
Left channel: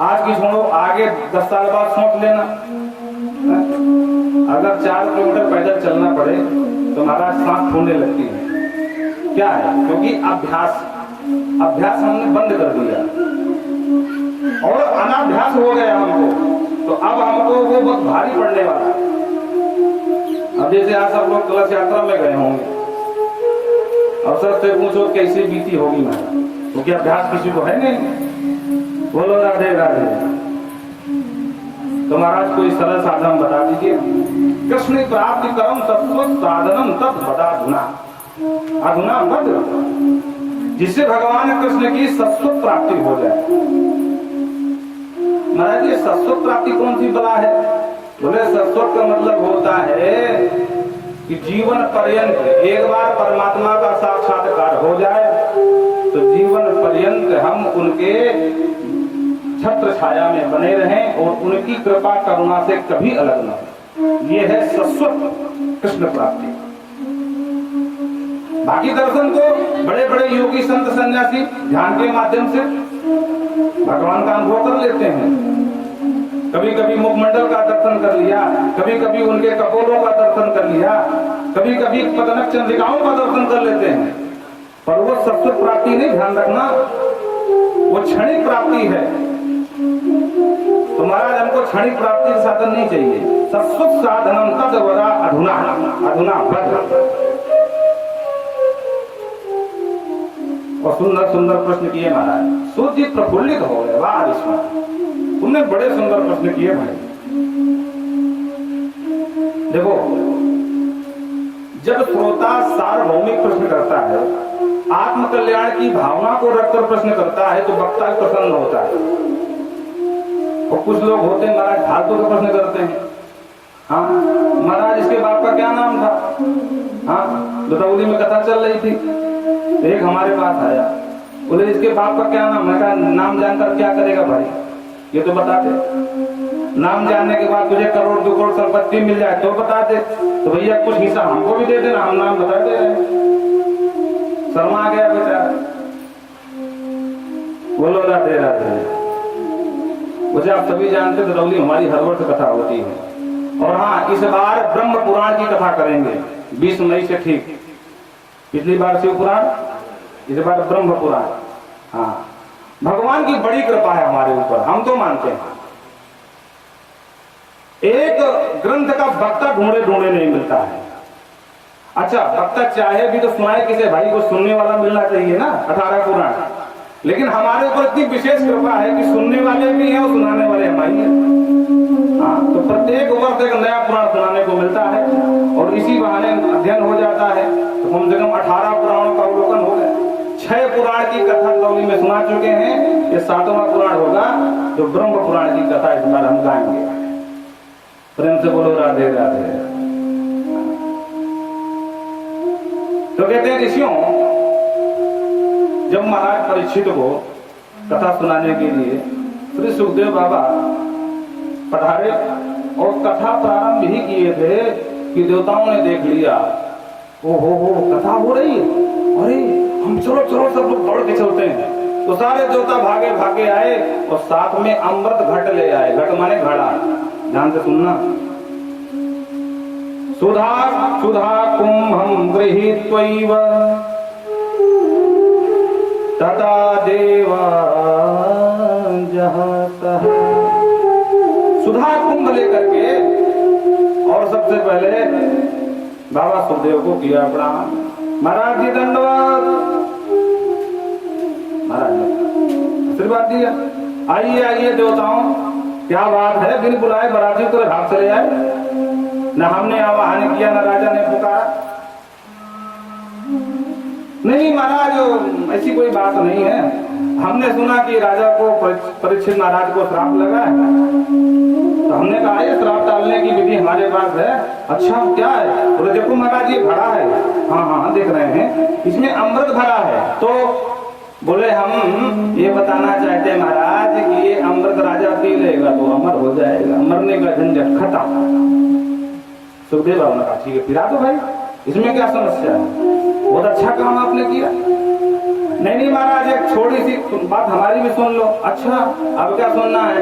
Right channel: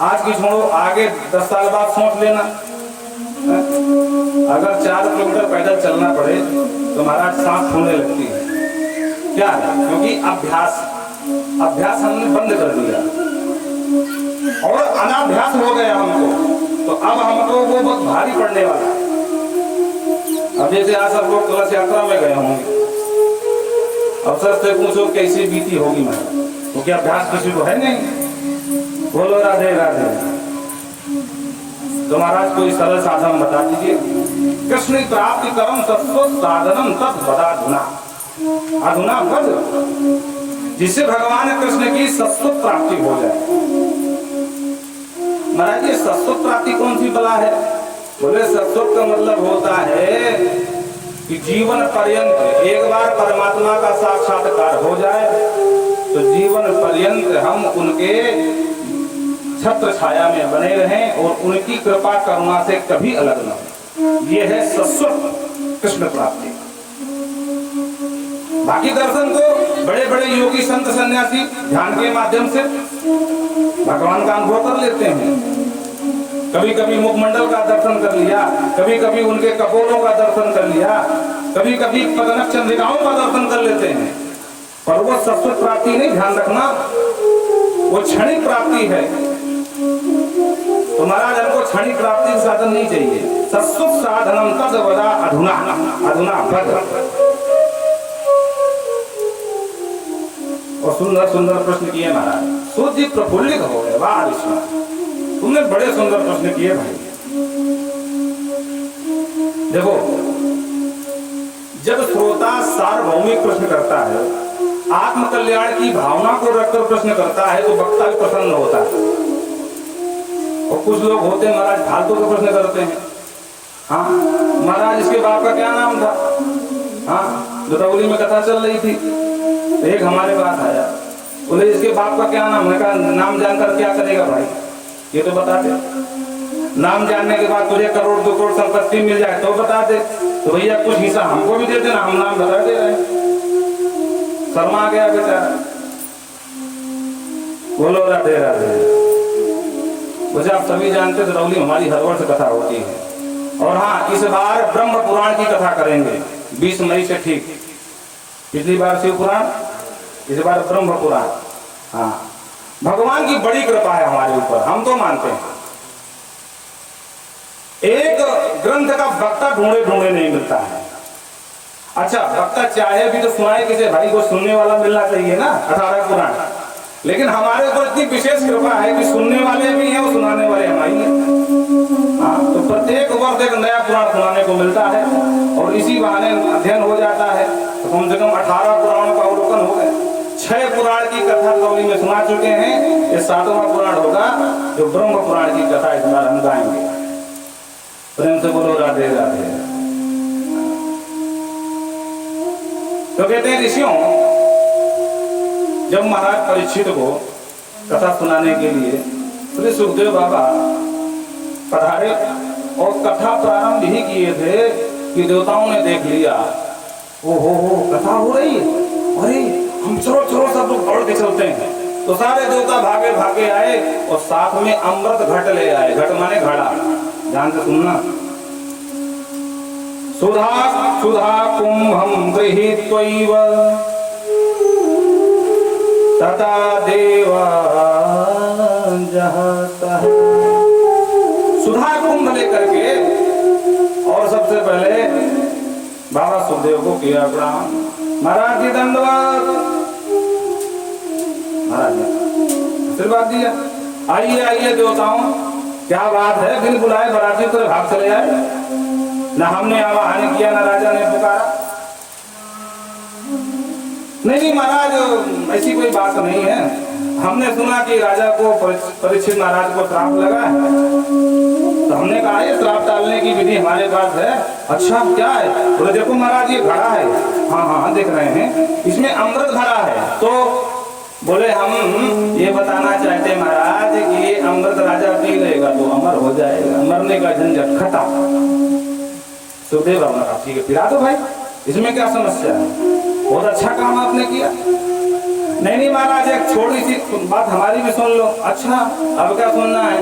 आज की छोड़ो, आगे 10 साल बाद सोच लेना। अगर 4 किलोमीटर पैदल चलना पड़े तो महाराज सांस फूलने लगती है। क्या है? क्योंकि अभ्यास हमने बंद कर दिया और अनाभ्यास हो गया हमको। तो अब हमको वो बहुत भारी पड़ने वाला है। अब जैसे आज सब लोग कलश यात्रा में गए होंगे, अवसर से पूछो कैसी बीती होगी महाराज, तो क्या अभ्यास किसी को है नहीं? बोलो राधे राधे। तो महाराज कोई सरल साधन बता दीजिए। कृष्ण प्राप्ति करम सत्व साधनम तब बता अधुना बद, जिससे भगवान कृष्ण की सत्व प्राप्ति हो जाए। महाराज ये सत्व प्राप्ति कौन सी बला है? बोले सत्व का मतलब होता है कि जीवन पर्यंत एक बार परमात्मा का साक्षात्कार हो जाए तो जीवन पर्यंत हम उनके छत्र छाया में बने रहें और उनकी कृपा करुणा से कभी अलग न हो। ये है शाश्वत कृष्ण प्राप्ति। बाकी दर्शन तो बड़े बड़े योगी संत सन्यासी ध्यान के माध्यम से भगवान का अनुभव कर लेते हैं। कभी कभी मुखमंडल का दर्शन कर लिया, कभी कभी उनके कपोलों का दर्शन कर लिया, कभी कभी पदनक चंद्रिकाओं का दर्शन कर लेते हैं, पर वो शाश्वत प्राप्ति नहीं। ध्यान रखना, वो क्षणिक प्राप्ति है। तो महाराज हमको क्षणिक प्राप्ति का साधन नहीं चाहिए। शाश्वत साधनम तद वदा अधुना अधुना भद्र। और सुंदर सुंदर प्रश्न किए महाराज। सूर्य जी प्रफुल्लित हो गए, वाह ईश्वर, तुमने बड़े सुंदर प्रश्न किए भाई। देखो, जब श्रोता सार्वभौमिक प्रश्न करता है, आत्म कल्याण की भावना को रखकर प्रश्न करता है, तो वक्ता भी प्रसन्न होता है। और कुछ लोग होते हैं महाराज फालतू का प्रश्न करते हैं। हाँ महाराज, इसके बाप का क्या नाम था? हाँ, दौली में कथा चल रही थी, एक हमारे पास आया, बोले इसके बाप का क्या नाम? मैं कहा नाम जानकर क्या करेगा भाई, ये तो बता दे। नाम जानने के बाद तुझे करोड़ 2 करोड़ संपत्ति मिल जाए तो बता दे। तो भैया कुछ हिस्सा हमको भी दे देना, हम नाम बता दे रहे। शर्मा गया बेचारा। बोलो राधे राधे। मुझे आप सभी जानते हैं दरौली हमारी हर वर्ष कथा होती है। और हाँ, इस बार ब्रह्म पुराण की कथा करेंगे 20 मई से। ठीक, पिछली बार शिव पुराण, इस बार ब्रह्म पुराण। हाँ, भगवान की बड़ी कृपा है हमारे ऊपर, हम तो मानते हैं। एक ग्रंथ का वक्ता ढूंढे ढूंढे नहीं मिलता है। अच्छा, वक्ता चाहे भी तो सुनाए किसी भाई को, सुनने वाला मिलना चाहिए ना, 18 पुराण। लेकिन हमारे ऊपर इतनी विशेष कृपा है कि सुनने वाले भी हैं और सुनाने वाले हमारी हैं। हाँ, तो प्रत्येक वर्ष एक नया पुराण सुनाने को मिलता है और इसी बहाने अध्ययन हो जाता है। तो कम से कम 18 पुराणों का अवलोकन हो गए। 6 पुराण की कथा कवली में सुना चुके हैं, ये 7वां पुराण होगा जो ब्रह्म पुराण की कथा इस बार हम गाएंगे। प्रेम से बोलो राधे राधे। तो कहते हैं ऋषियों, जब महाराज परीक्षित को कथा सुनाने के लिए श्री सुखदेव बाबा पधारे और कथा प्रारंभ ही किए थे कि देवताओं ने देख लिया, ओहो कथा हो रही है, अरे हम चलो चलो सब लोग दौड़ के चलते हैं। तो सारे देवता भागे भागे आए और साथ में अमृत घट ले आए। घट माने घड़ा, ध्यान से सुनना। सुधा सुधा कुंभम गृहीत्वैव तथा देवा जहतः। सुधा कुंभ लेकर के और सबसे पहले बाबा सुखदेव को किया प्रणाम। महाराज जी दंडवत। महाराज ने आशीर्वाद दिया, आइए आइए देवताओं, क्या बात है, बिन बुलाए बराती को भाग चले आए। न हमने आवाहन किया, न राजा ने पुकारा। नहीं महाराज, ऐसी कोई बात नहीं है। हमने सुना कि राजा को, परीक्षित महाराज को श्राप लगा है, तो हमने कहा ये श्राप टालने की विधि हमारे पास है। अच्छा क्या है? बोले देखो महाराज ये घड़ा है। हाँ हाँ देख रहे हैं, इसमें अमृत भरा है। तो बोले हम ये बताना चाहते महाराज कि ये अमृत राजा पी लेगा तो अमर हो जाएगा, मरने का झंझट खत्म। सुखदेव ने कहा ठीक है पिला दो भाई, इसमें क्या समस्या है, बहुत अच्छा काम आपने किया। नहीं महाराज, एक छोटी सी बात हमारी भी सुन लो। अच्छा अब क्या सुनना है?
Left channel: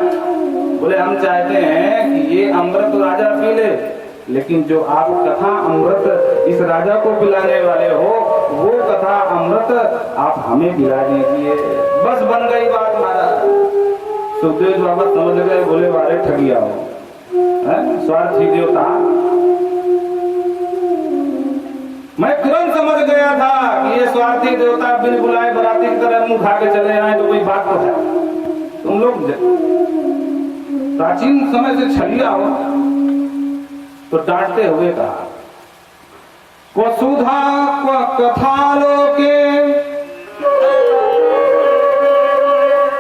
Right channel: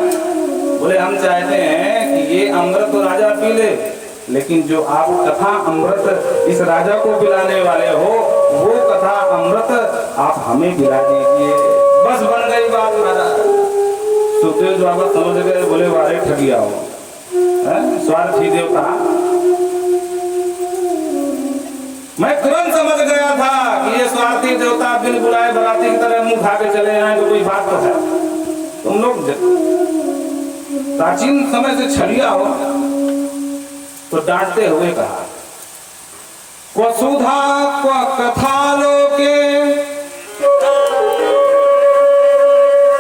बोले हम चाहते हैं कि ये अमृत तो राजा पी ले, लेकिन जो आप कथा अमृत इस राजा को पिलाने वाले हो, वो कथा अमृत आप हमें पिला दीजिए। बस बन गई बात महाराज। सुखदेव बाबा समझ गए, बोले वारे ठगिया हो, स्वार्थी देवता। मैं तुरंत समझ गया था कि ये स्वार्थी देवता बिन बुलाए बराती की तरह मुंह खा के चले आए, तो कोई बात तो है। तुम लोग प्राचीन समय से छलिया हो, तो डांटते हुए कहा, क्व सुधा क्व कथा लोके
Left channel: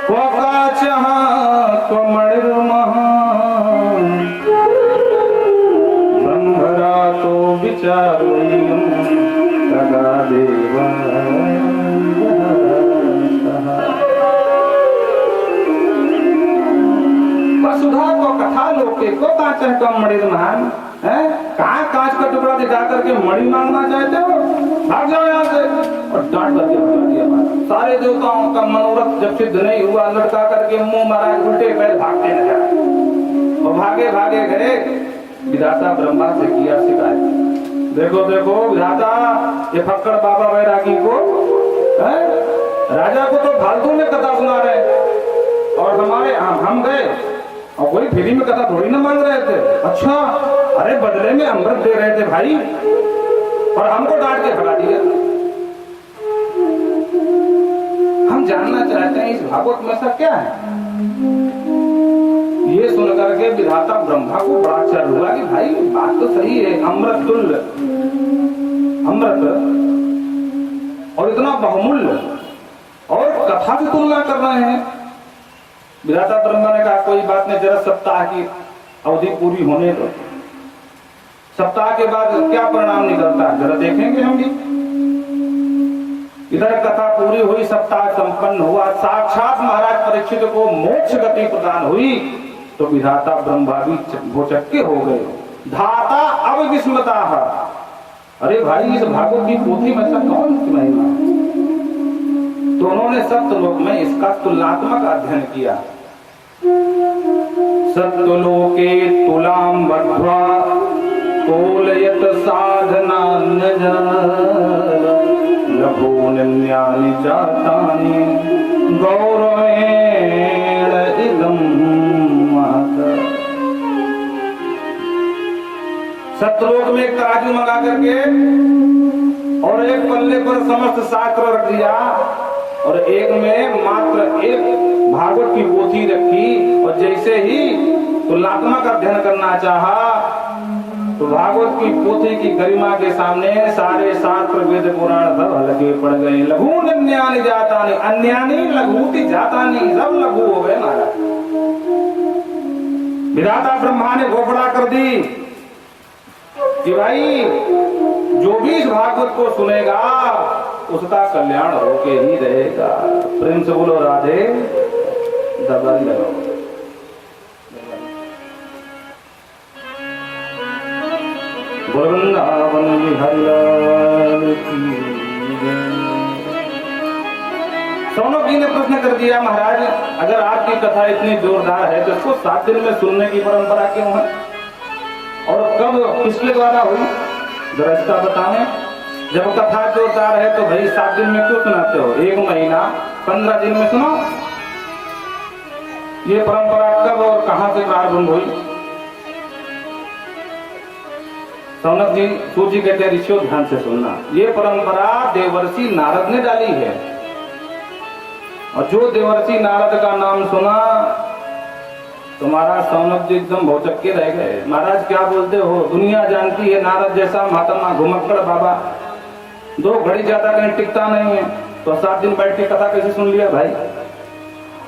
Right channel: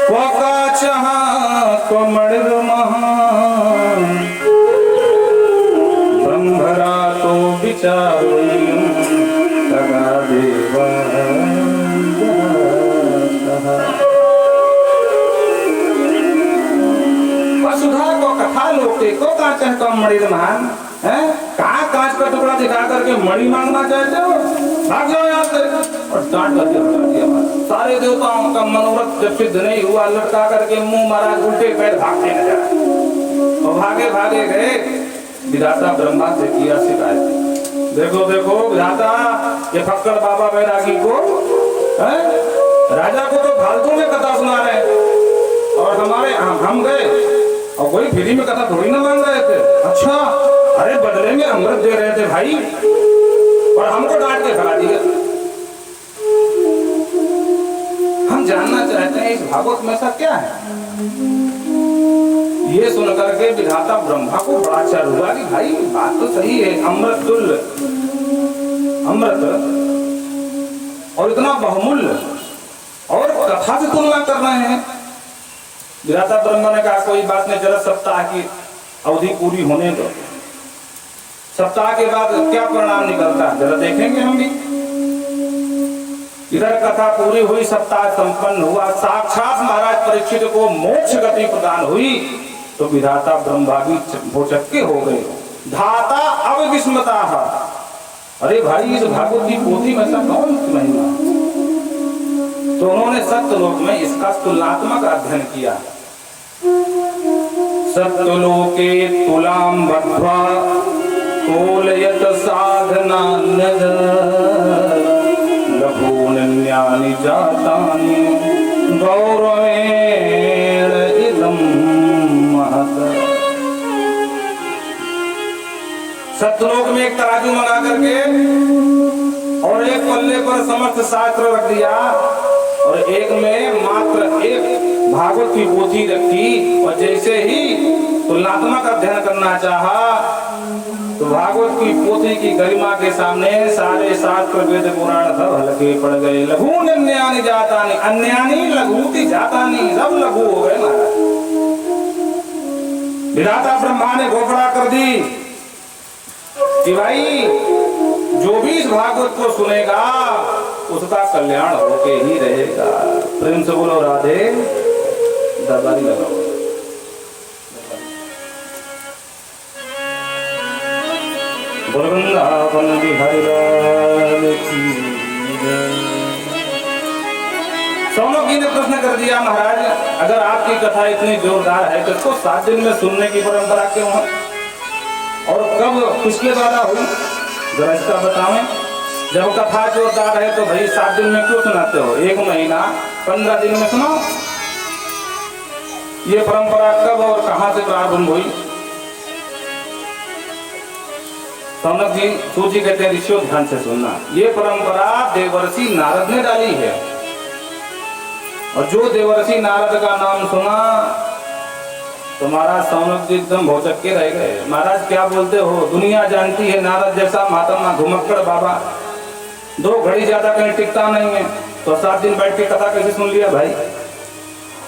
क्व काचः क्व मणिर्मः ब्रह्मरातो विचारयन् तगा देवा। सुधा को कथा लोके को कांच है कम मणि महान है, कहाँ कांच का टुकड़ा दिखा करके मणि मांगना चाहते हो? भाग जाओ यहाँ से। और डांट करके भगा दिया। सारे देवताओं का मनोरथ जब सिद्ध नहीं हुआ, लटका करके मुंह महाराज उल्टे पैर भागते नजर। भागे भागे गए, विधाता ब्रह्मा से किया शिकायत, देखो देखो विधाता, ये फक्कड़ बाबा बैरागी को राजा को तो फालतू में कथा सुना रहे, और हमारे हम गए और कोई फ्री में कथा थोड़ी ना मांग रहे थे। अच्छा, अरे बदले में अमृत दे रहे थे भाई, और हमको डांट के भगा दिया। हम जानना चाहते हैं इस भागवत में ऐसा क्या है। ये सुनकर के विधाता ब्रह्मा को बड़ा आश्चर्य हुआ कि भाई बात तो सही है, अमृत तुल्य अमृत और इतना बहुमूल्य, और कथा से तुलना करना है। विधाता ब्रह्मा ने कहा कोई बात नहीं, जरा सप्ताह की अवधि पूरी होने दो, सप्ताह के बाद क्या परिणाम निकलता है जरा देखेंगे हम भी। इधर कथा पूरी हुई, सप्ताह संपन्न हुआ, साक्षात महाराज परीक्षित को मोक्ष गति प्रदान हुई, तो विधाता ब्रह्मा भी भौचक्के हो गए। धाता अब विस्मता, अरे भाई इस भागवत की पोथी में ऐसा कौन महिमा है। तो उन्होंने सत्यलोक में इसका तुलनात्मक अध्ययन किया। सत्यलोके तुलाम बद्ध्वा तोलयत साधना लघून्यानि जातानि गौरवेण इदं महत्। सत्यलोक में एक तराजू मंगा करके और एक पल्ले पर समस्त शास्त्र रख दिया, और एक में मात्र एक भागवत की पोथी रखी, और जैसे ही तुलनात्मक अध्ययन करना चाहा तो भागवत की पोथी की गरिमा के सामने सारे शास्त्र वेद पुराण सब लगे पड़ गए। लघून अन्यानि जातानि, अन्यानि लघूति जातानि, सब लघु हो गए महाराज। विधाता ब्रह्मा ने घोषणा कर दी कि भाई जो भी इस भागवत को सुनेगा उसका कल्याण होके ही रहेगा। प्रेम से बोलो राधे, दबाई लगाओ। वृंदावन बिहारी लाल की जय। सौनक जी ने प्रश्न कर दिया महाराज, अगर आपकी कथा इतनी जोरदार है तो उसको 7 दिन में सुनने की परंपरा क्यों है, और कब किसके द्वारा हुई, जरा इसका बताएं। जब कथा जोरदार है तो भाई 7 दिन में क्यों सुनाते हो, 1 महीना 15 दिन में सुनाओ। ये परंपरा कब और कहां से प्रारंभ हुई। सौनक जी सूजी कहते हैं ऋषियों ध्यान से सुनना, ये परंपरा देवर्षि नारद ने डाली है, और जो देवर्षि नारद का नाम सुना तुम्हारा सौनक जी एकदम भौचक्के रह गए। महाराज क्या बोलते हो, दुनिया जानती है नारद जैसा महात्मा घुमक्कड़ बाबा 2 घड़ी ज्यादा कहीं टिकता नहीं है, तो 7 दिन बैठ के कथा कैसे सुन लिया भाई।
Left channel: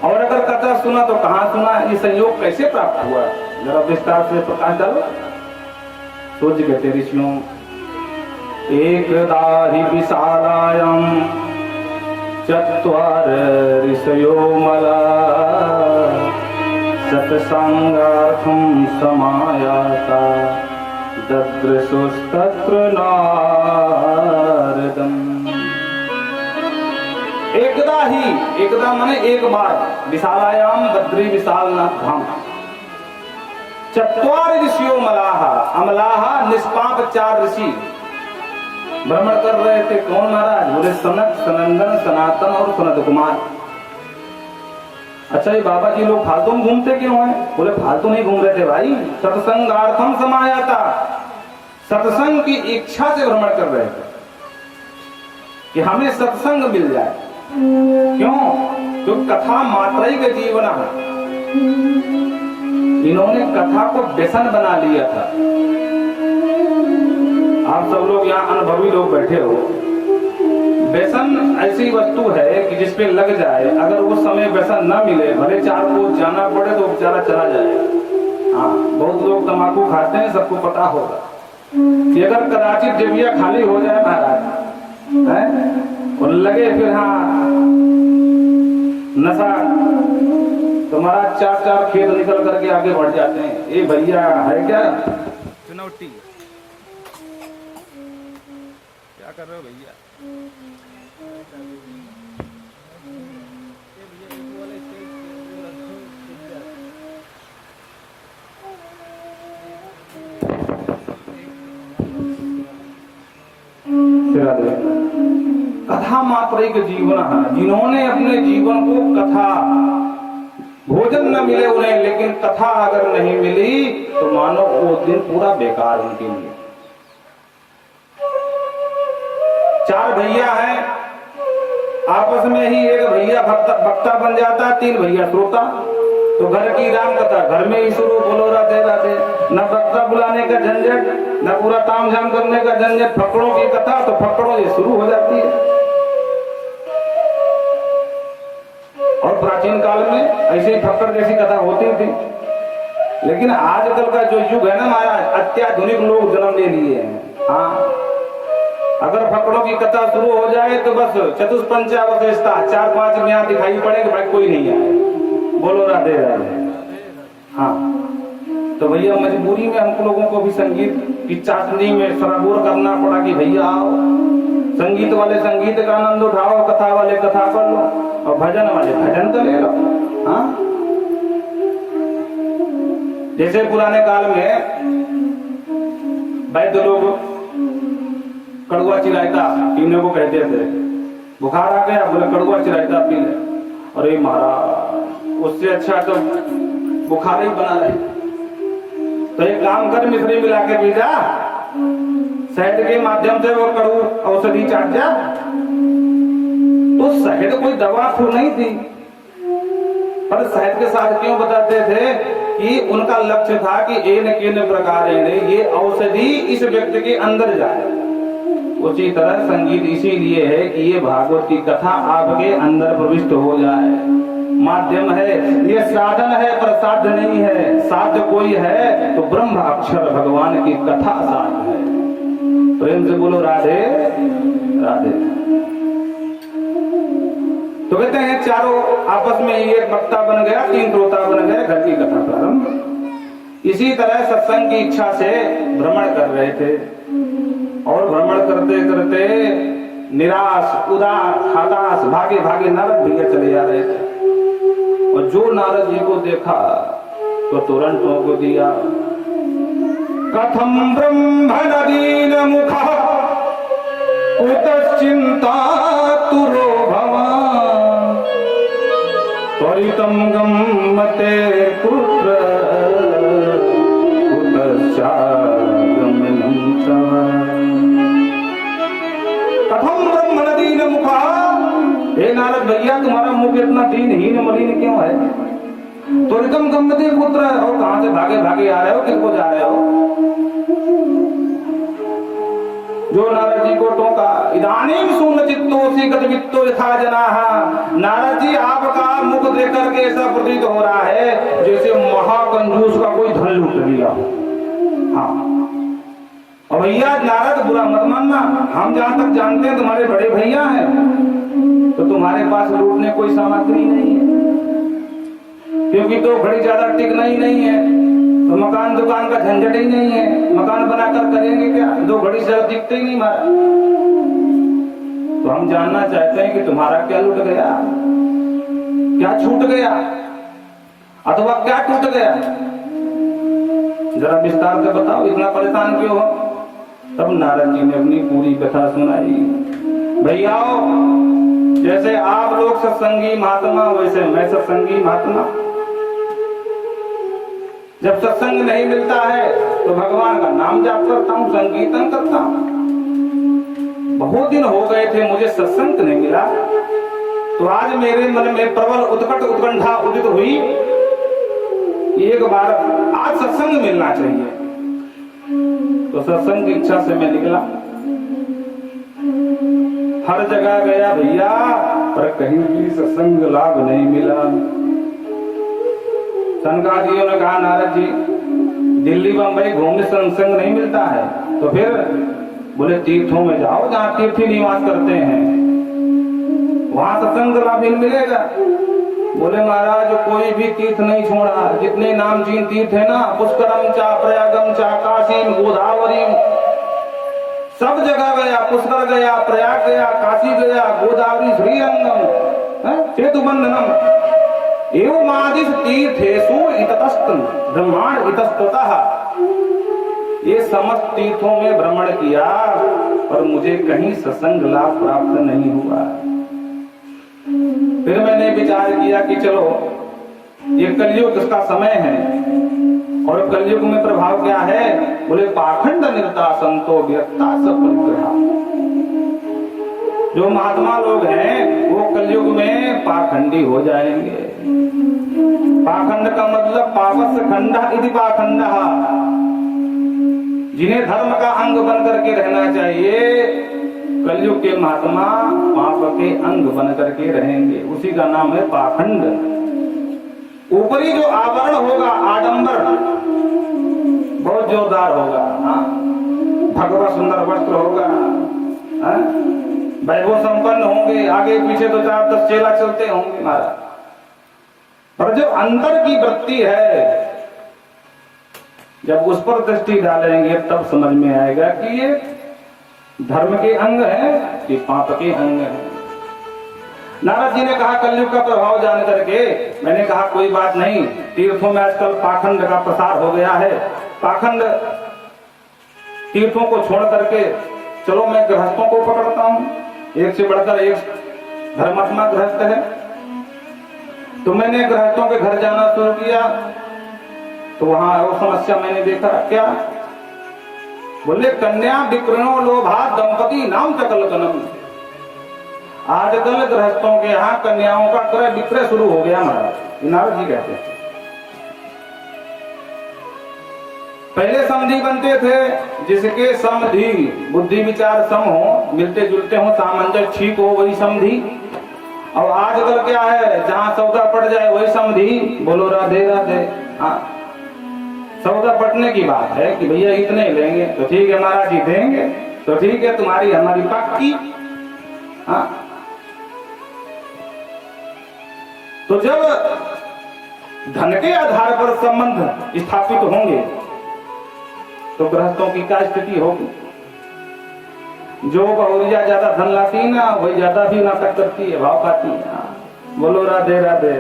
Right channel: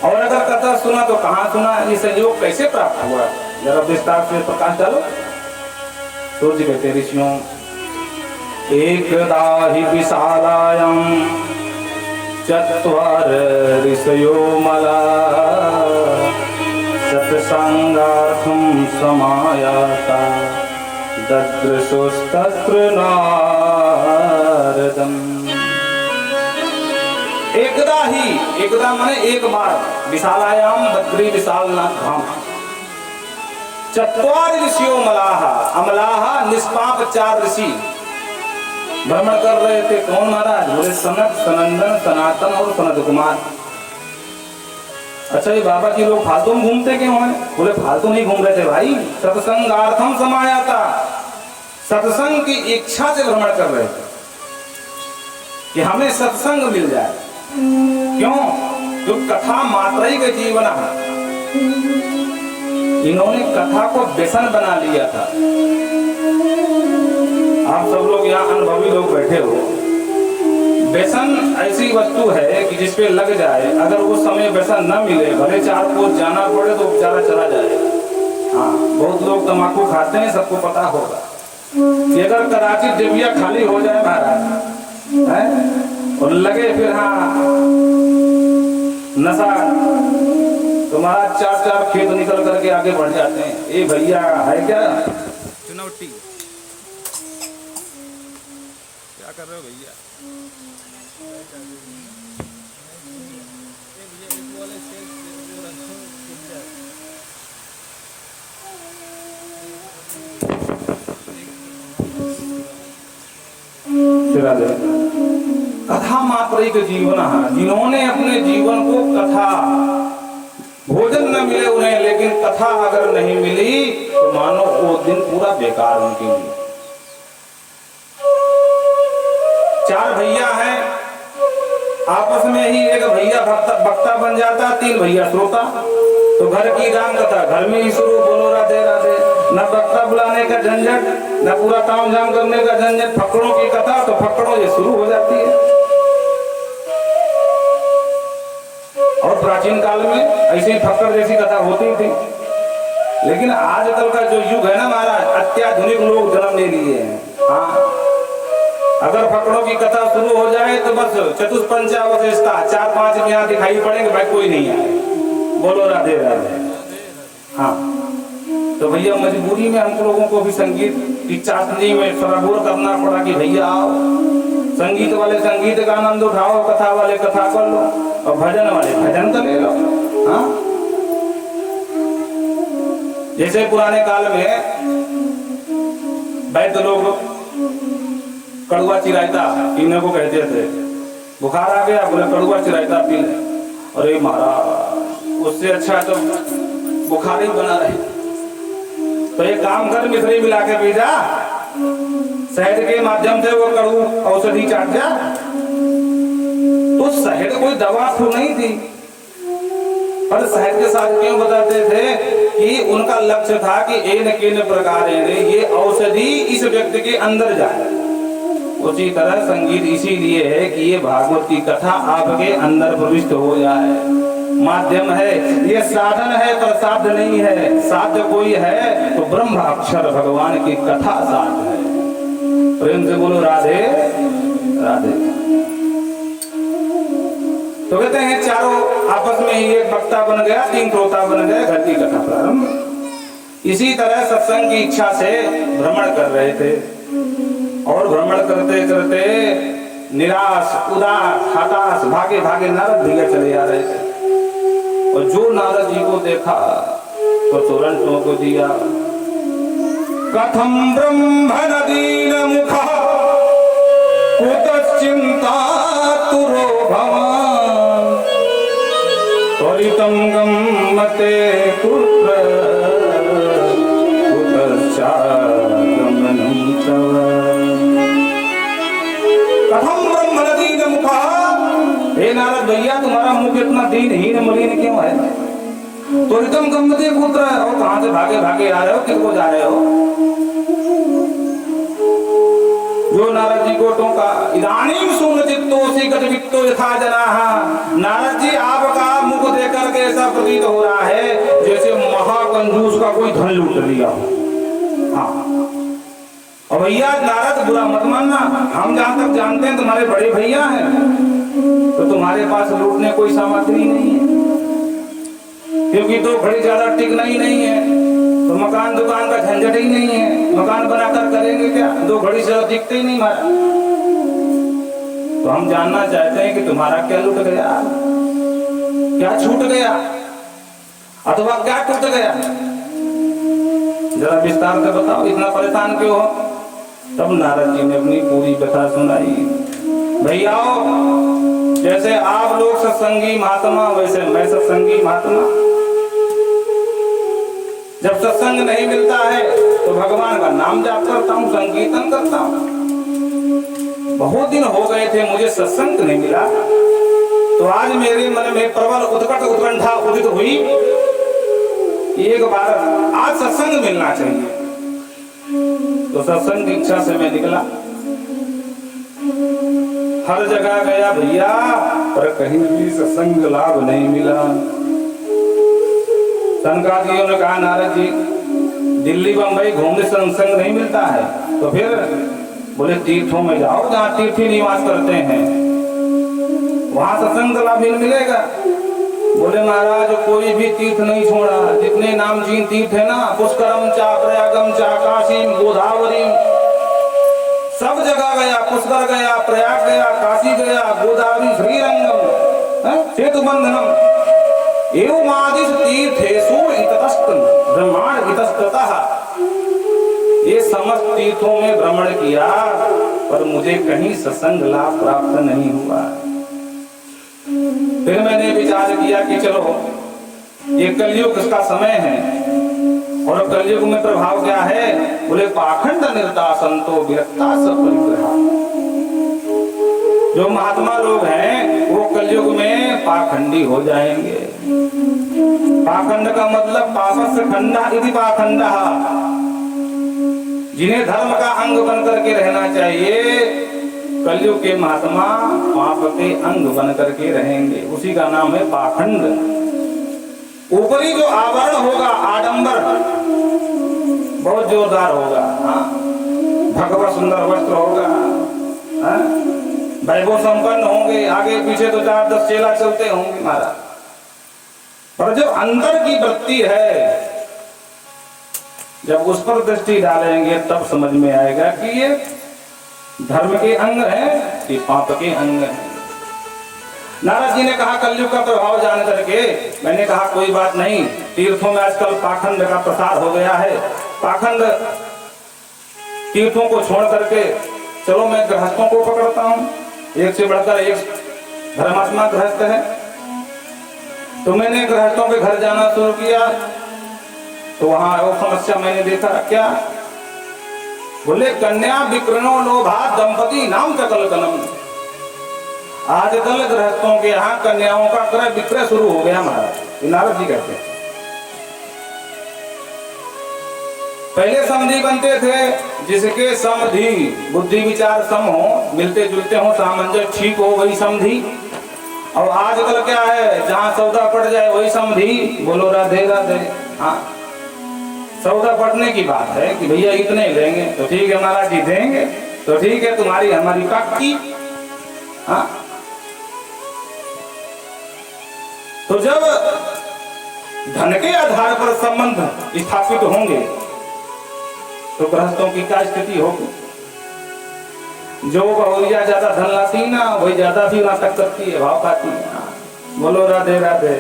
और अगर कथा सुना तो कहाँ सुना, ये संयोग कैसे प्राप्त हुआ, जरा विस्तार से प्रकाश डालो। तो जी कहते ऋषियों, एकदा हि विशालायां चत्वार ऋषयो मला सत्संगार्थं समायाता ददृशुस्तत्र नारदम्। एकदा माने एक बार, विशालायाम दद्री विशालनाथ धाम, चत्वार ऋषियों मलाहा, अमलाहा निष्पाप 4 ऋषि भ्रमण कर रहे थे। कौन महाराज, बोले सनक, सनंदन, सनातन और सनत कुमार। अच्छा ये बाबा जी लोग फालतू में घूमते क्यों हैं, बोले फालतू नहीं घूम रहे थे भाई, सत्संगार्थम समायाता, सत्संग की इच्छा से भ्रमण कर रहे थे कि हमें सत्संग मिल जाए। क्यों, तो कथा मात्रा ही का जीवन है। इन्होंने कथा को व्यसन बना लिया था। आप सब लोग यहाँ अनुभवी लोग बैठे हो, व्यसन ऐसी वस्तु है कि जिसपे लग जाए, अगर उस समय व्यसन न मिले, भले 4 कोस जाना पड़े तो बेचारा चला जाएगा। हाँ, बहुत लोग तंबाकू खाते हैं, सबको पता होगा कि अगर कदाचित जेबिया खाली हो जाए महाराज है और लगे फिर हाँ नशा, तुम्हारा 4 खेत निकल करके आगे बढ़ जाते हैं। ये भैया है क्या चुनौती, क्या कर रहे हो भैया। कथा मात्रिक जीवन, जिन्होंने अपने जीवन को कथा, भोजन न मिले उन्हें लेकिन कथा अगर नहीं मिली तो मानो वो दिन पूरा बेकार उनके लिए। 4 भैया हैं, आपस में ही एक भैया वक्ता बन जाता, 3 भैया श्रोता, तो घर की राम कथा घर में ही शुरू, बोलो राधे राधे। न वक्ता बुलाने का झंझट, न पूरा काम झाम करने का झंझट, फकड़ों की कथा तो फकड़ों ये शुरू हो जाती है। और प्राचीन काल में ऐसे ही फक्कड़ जैसी कथा होती थी, लेकिन आजकल का जो युग है ना महाराज, अत्याधुनिक लोग जन्म ले लिए हैं। हाँ, अगर फकड़ों की कथा शुरू हो जाए तो बस चतुष्पंचावशेषता 4-5 यहाँ दिखाई पड़ेंगे, भाई कोई नहीं आए, बोलो राधे राधे। हाँ, तो भैया मजबूरी में हम लोगों को भी संगीत की चाशनी में सराबोर करना पड़ा कि भैया आओ, संगीत वाले संगीत का आनंद उठाओ, कथा वाले कथा कर लो और भजन वाले भजन तो ले लो। हाँ, जैसे पुराने काल में वैद्य लोग कड़ुआ चिरायता पीने को कहते थे, बुखार आ गया बोले कड़ुआ चिरायता पी ले, अरे महाराज उससे अच्छा तो बुखार ही बना रहे, तो एक काम कर मिश्री मिला के पी जा, शहद के माध्यम से वो कड़ू औषधि चाट जा। तो शहद कोई दवा तो नहीं थी, पर शहद के साथ क्यों बताते थे कि उनका लक्ष्य था कि एन प्रकार ये औषधि इस व्यक्ति के अंदर जाए। उसी तरह संगीत इसीलिए है कि ये भागवत की कथा आपके अंदर प्रविष्ट हो जाए, माध्यम है, ये साधन है पर साध्य नहीं है। साध्य कोई है तो ब्रह्म अक्षर भगवान की कथा साध्य है। प्रेम से बोलो राधे राधे। तो कहते हैं चारों आपस में ही एक वक्ता बन गया, 3 श्रोता बन गए, घर की कथा प्रारंभ। इसी तरह सत्संग की इच्छा से भ्रमण कर रहे थे और भ्रमण करते करते निराश, उदास, हताश, भागे भागे नारद भैया चले जा रहे थे। और जो नारद जी को देखा तो तुरंत टोक दिया, कथम ब्रह्म दीन मुखा कुतश्चिंता तुरो भवान त्वरितं गम्यते पुत्र कुतश्चागमनं तव। कथम ब्रह्म दीन मुखा, हे नारद भैया तुम्हारा मुख इतना दीनहीन मलिन क्यों है? त्वरितं गम्यते पुत्र, और कहां से भागे भागे आ रहे हो, किसको जा रहे हो? जो नारद जी को टोका, इदानीं सुनचित्तोऽसि गतवित्तो यथा जनाः। नारद जी आपका मुख देख करके ऐसा प्रतीत हो रहा है जैसे महाकंजूस का कोई धन लूट लिया। हाँ, और भैया नारद बुरा मत मानना, हम जहाँ तक जानते हैं तुम्हारे बड़े भैया हैं, तो तुम्हारे पास लूटने कोई सामग्री नहीं है, क्योंकि तो घड़ी ज्यादा टिकना ही नहीं है, तो मकान दुकान का झंझट ही नहीं है, मकान बनाकर करेंगे क्या, 2 घड़ी से दिखते ही नहीं मारा। तो हम जानना चाहते हैं कि तुम्हारा क्या लूट गया, क्या छूट गया, अथवा क्या टूट गया, जरा विस्तार से बताओ, इतना परेशान क्यों हो? तब नारद जी ने अपनी पूरी कथा सुनाई। भैयाओ, जैसे आप लोग सत्संगी महात्मा, वैसे मैं सत्संगी महात्मा। जब सत्संग नहीं मिलता है तो भगवान का नाम जाप करता हूँ, संकीर्तन करता हूँ। बहुत दिन हो गए थे मुझे सत्संग नहीं मिला, तो आज मेरे मन में प्रबल उत्कट उत्कंठा उदित हुई, एक बार आज सत्संग मिलना चाहिए। तो सत्संग की इच्छा से मैं निकला, हर जगह गया भैया, पर कहीं भी सत्संग लाभ नहीं मिला। सनकादियों ने कहा नारद जी दिल्ली बंबई घूमने से सत्संग नहीं मिलता है, तो फिर बोले तीर्थों में जाओ जहाँ तीर्थी निवास करते हैं, वहां सत्संग लाभ मिलेगा। बोले महाराज कोई भी तीर्थ नहीं छोड़ा, जितने नामचीन तीर्थ है ना, पुष्करम चा प्रयागम चा काशीम गोदावरीम, सब जगह गया, पुष्कर गया, प्रयाग गया, काशी गया, गोदावरी श्रीरंगम सेतुबंधनम एवमादिश तीर्थेषु इतस्तम ब्रह्मांड इतस्ततः, ये समस्त तीर्थों में भ्रमण किया, पर मुझे कहीं सत्संग लाभ प्राप्त नहीं हुआ। फिर मैंने विचार किया कि चलो ये कलयुग का समय है, और कलयुग में प्रभाव क्या है? बोले पाखंड निरता संतो व्यक्ता सब परिग्रह। जो महात्मा लोग हैं वो कलयुग में पाखंडी हो जाएंगे। पाखंड का मतलब पापस खंडा इति पाखंडः, जिन्हें धर्म का अंग बन करके रहना चाहिए, कलयुग के महात्मा पाप के अंग बन करके रहेंगे, उसी का नाम है पाखंड। ऊपरी जो आवरण होगा, आडंबर बहुत जोरदार होगा, भगवा सुंदर वस्त्र होगा, वैभव संपन्न होंगे, आगे पीछे तो 4-10 चेला चलते होंगे महाराज, पर जो अंदर की वृत्ति है, जब उस पर दृष्टि डालेंगे तब समझ में आएगा कि ये धर्म के अंग है कि पाप के अंग है। नारद जी ने कहा कलयुग का प्रभाव जान करके, मैंने कहा कोई बात नहीं, तीर्थों में आजकल पाखंड का प्रसार हो गया है, पाखंड तीर्थों को छोड़ करके चलो मैं गृहस्थों को पकड़ता हूं, एक से बढ़कर एक धर्मात्मा गृहस्थ है। तो मैंने गृहस्थों के घर जाना शुरू किया, तो वहां वो समस्या मैंने देखा, क्या बोले कन्या विप्रणो लोभा दंपति नाम चकल कलम। आजकल गृहस्थों के यहाँ कन्याओं का क्रय विक्रय शुरू हो गया महाराज, नारद जी कहते हैं। पहले समधी बनते थे, जिसके समधी बुद्धि विचार सम हो, मिलते जुलते हो, सामंजस्य ठीक हो, वही समधी। और आजकल क्या है, जहाँ सौदा पड़ जाए वही समधी, बोलो राधे राधे। हाँ, सौदा पड़ने की बात है कि भैया इतने लेंगे तो ठीक है महाराज जी, देंगे तो ठीक है, तुम्हारी हमारी पक्की। हाँ, तो जब धन के आधार पर संबंध स्थापित होंगे तो गृहस्थों की क्या स्थिति होगी? जो बहुरिया ज्यादा धन लाती ना, वही ज्यादा भी नाटक करती है, भाव खाती है। बोलो राधे राधे।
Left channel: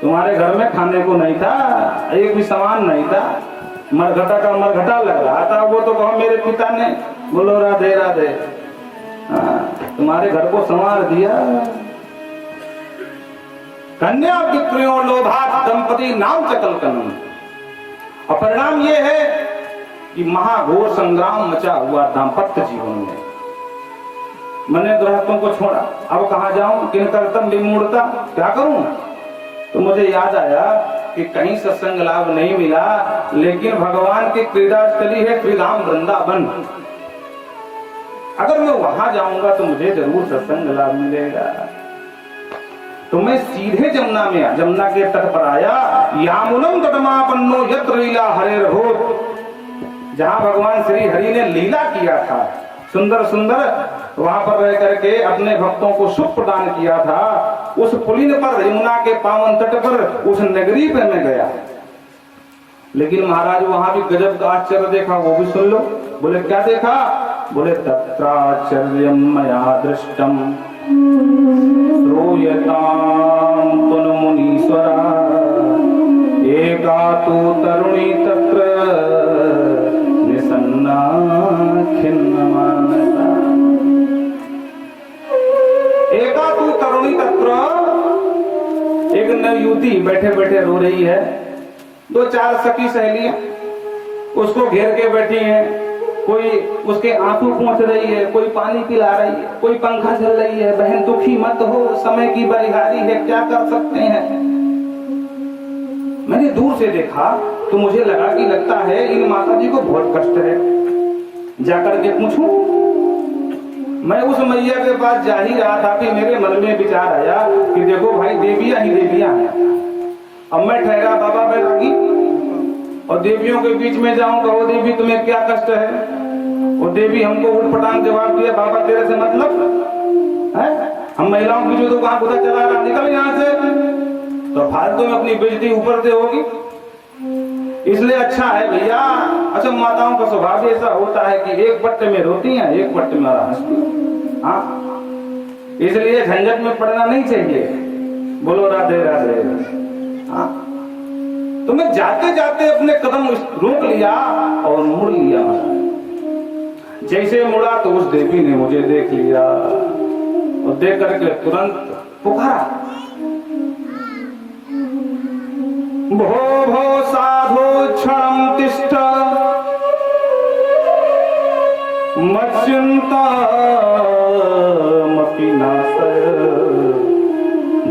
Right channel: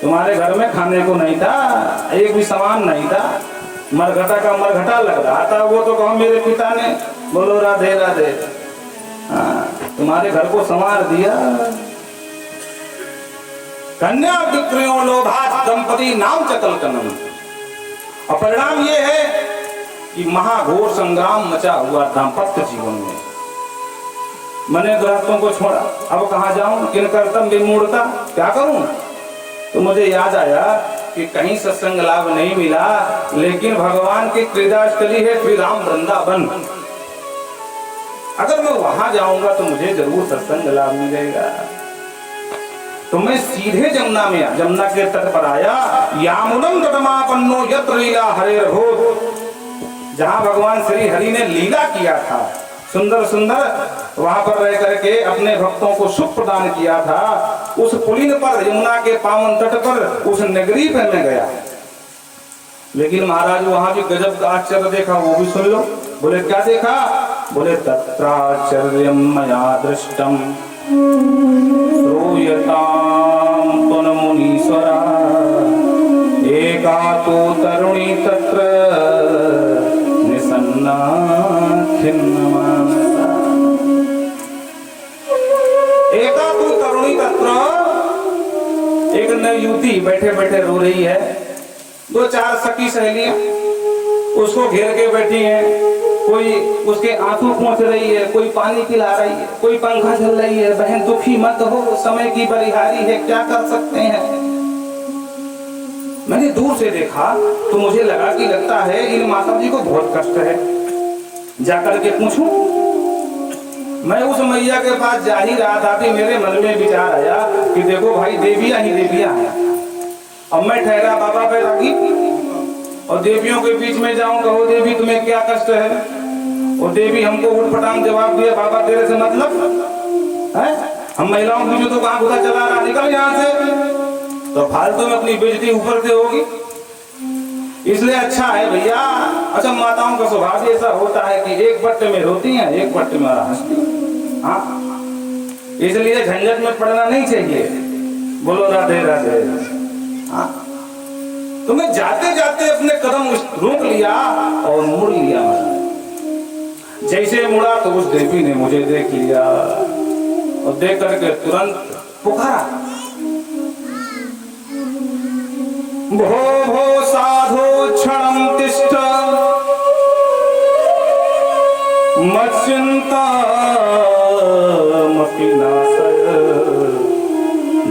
तुम्हारे घर में खाने को नहीं था, एक भी सामान नहीं था, मरघटा का मरघटा लग रहा था, वो तो कहा मेरे पिता ने। बोलो राधे राधे। तुम्हारे घर को संवार दिया। कन्या विप्रियो लोभा दंपति नाम चकल कनन। और परिणाम ये है कि महाघोर संग्राम मचा हुआ दाम्पत्य जीवन में। मैंने गृहस्थों को छोड़ा, अब कहाँ जाऊं, किन कर्तव्य विमूढ़ता, क्या करूं? तो मुझे याद आया कि कहीं सत्संग लाभ नहीं मिला, लेकिन भगवान की क्रीडास्थली है श्रीधाम वृंदावन, अगर मैं वहां जाऊंगा तो मुझे जरूर सत्संग लाभ मिलेगा। तो मैं सीधे जमुना के तट पर आया। यामुनम तटमापन्नो यत्र लीला हरेर्भो, जहां भगवान श्री हरि ने लीला किया था, सुंदर सुंदर, वहां पर रह करके अपने भक्तों को सुख प्रदान किया था, उस पुलिन पर, यमुना के पावन तट पर, उस नगरी पे मैं गया। लेकिन महाराज वहां भी गजब का आश्चर्य देखा, वो भी सुन लो। बोले क्या देखा? बोले तत्राश्चर्यं मया दृष्टम श्रूयतां पुनमुनीश्वरा एका तु तरुणी तत्र निसन्ना खिन्नमानसा। एका तु तरुणी तत्र, एक नई युवती बैठे बैठे रो रही है, 2-4 सखी सहेलियां उसको घेर के बैठी हैं, कोई उसके आंसू पोंछ रही है, कोई पानी पिला रही है, कोई पंखा चल रही है। बहन दुखी मत हो, समय की बलिहारी है, क्या कर सकते हैं। मैंने दूर से देखा तो मुझे लगा कि लगता है इन माता जी को बहुत कष्ट है, जाकर के पूछूं। मैं उस मैया के पास जा ही रहा था कि मेरे मन में विचार आया कि देखो भाई, देवियां ही देवियां हैं। अब मैं ठहरा बाबा बैरागी और देवियों के बीच में जाऊं, कहो देवी तुम्हें क्या कष्ट है, और देवी हमको उठपटांग जवाब दिया, बाबा तेरे से मतलब है, हम महिलाओं की जो तो कहां खुदा चला रहा, निकल यहां से। तो फालतू में अपनी बेइज्जती ऊपर से होगी, इसलिए अच्छा है भैया। अच्छा, माताओं का स्वभाव ऐसा होता है कि एक पट्टे में रोती हैं, एक पट्टे में हंसती हैं। हाँ, इसलिए झंझट में पड़ना नहीं चाहिए। बोलो राधे राधे। हाँ, तो मैं जाते जाते अपने कदम रोक लिया और मुड़ लिया। जैसे मुड़ा तो उस देवी ने मुझे देख लिया और देख करके तुरंत पुकारा, भो भो साधो क्षणं तिष्ठ मच्चिंता मपि नासय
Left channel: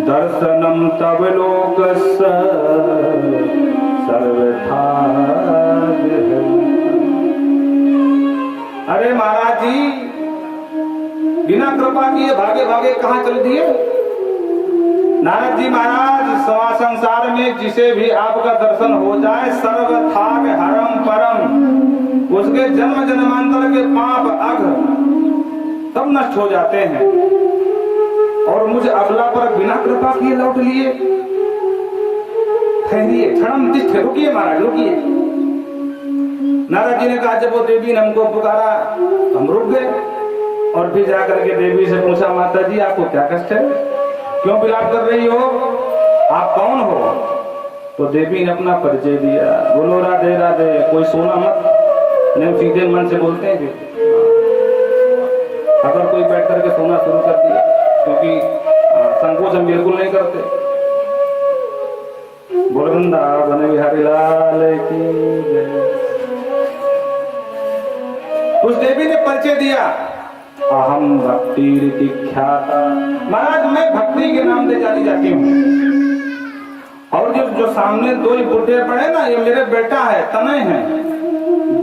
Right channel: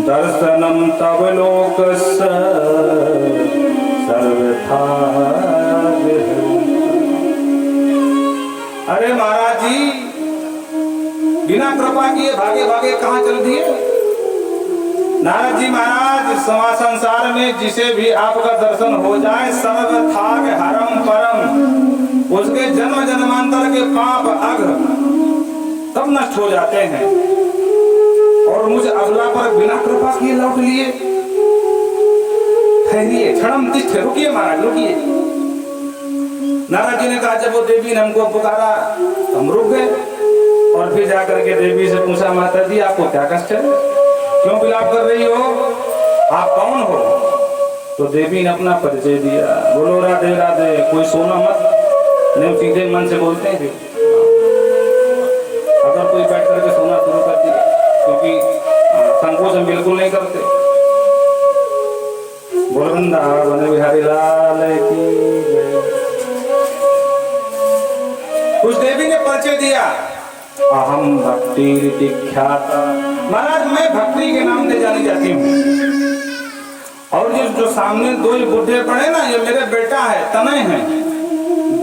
दर्शनम तव लोकस्य सर्वथा। अरे महाराज जी, बिना कृपा किए भागे भागे कहां चल दिए? नारद जी महाराज, संसार में जिसे भी आपका दर्शन हो जाए सर्वथाग हरम परम, उसके जन्म जन्मांतर के पाप अघ तब नष्ट हो जाते हैं। और मुझे अगला पर बिना कृपा किए लौट लिए। ठहरिए, क्षणम तिष्ठ, रुकिए महाराज रुकिए। नारद जी ने कहा, जब वो देवी ने हमको पुकारा हम रुक गए और फिर जाकर के देवी से पूछा, माता जी आपको क्या कष्ट है, क्यों विलाप कर रही हो, आप कौन हो? तो देवी ने अपना परिचय दिया। बोलो राधे राधे। कोई सोना मत, नहीं सीधे मन से बोलते हैं जो। अगर कोई बैठ करके सोना शुरू कर दिया, क्योंकि संकोच हम बिल्कुल नहीं करते। वृंदावन बिहारी लाल की जय। उस देवी ने परिचय दिया, अहम भक्ति रीति ख्याता। महाराज मैं भक्ति के नाम से जानी जाती हूँ। और जो सामने दो बुढ़े पड़े ना, ये मेरे बेटा है, तनय है।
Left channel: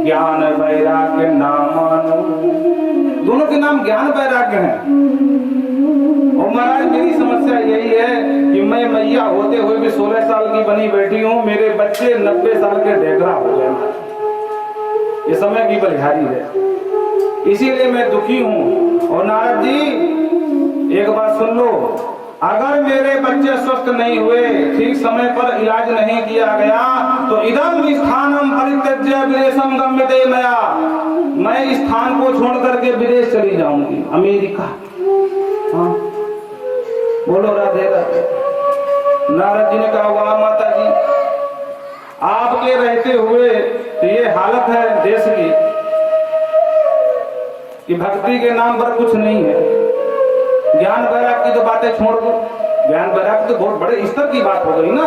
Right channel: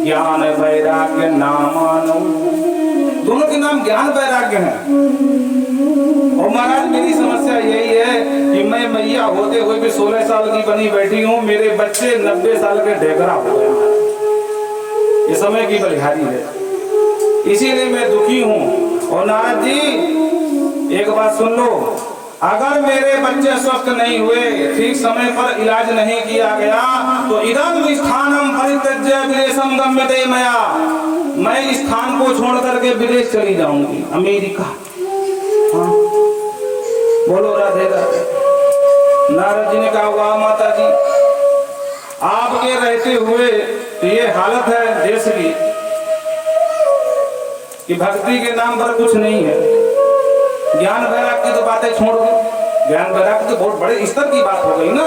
ज्ञान वैराग्य नामानो, दोनों के नाम ज्ञान वैराग्य है। और महाराज मेरी समस्या यही है कि मैं मैया होते हुए भी 16 साल की बनी बैठी हूँ, मेरे बच्चे 90 साल के ढेकरा हो गए। ये समय की बलिहारी है, इसीलिए मैं दुखी हूँ। और नारद जी एक बात सुन लो, अगर मेरे बच्चे स्वस्थ नहीं हुए, ठीक समय पर इलाज नहीं किया गया, तो इदम स्थानम परित्यज्य विदेशम गम्यते मया, मैं इस स्थान को छोड़ करके विदेश चली जाऊंगी, अमेरिका। हाँ? बोलो राधे राधे। नारद जी ने कहा, वाह माता जी, आपके रहते हुए ये हालत है देश की कि भक्ति के नाम पर कुछ नहीं है। ज्ञान वैराग्य की तो बातें छोड़ दो, ज्ञान वैराग्य तो बहुत बड़े स्तर की बात हो गई ना।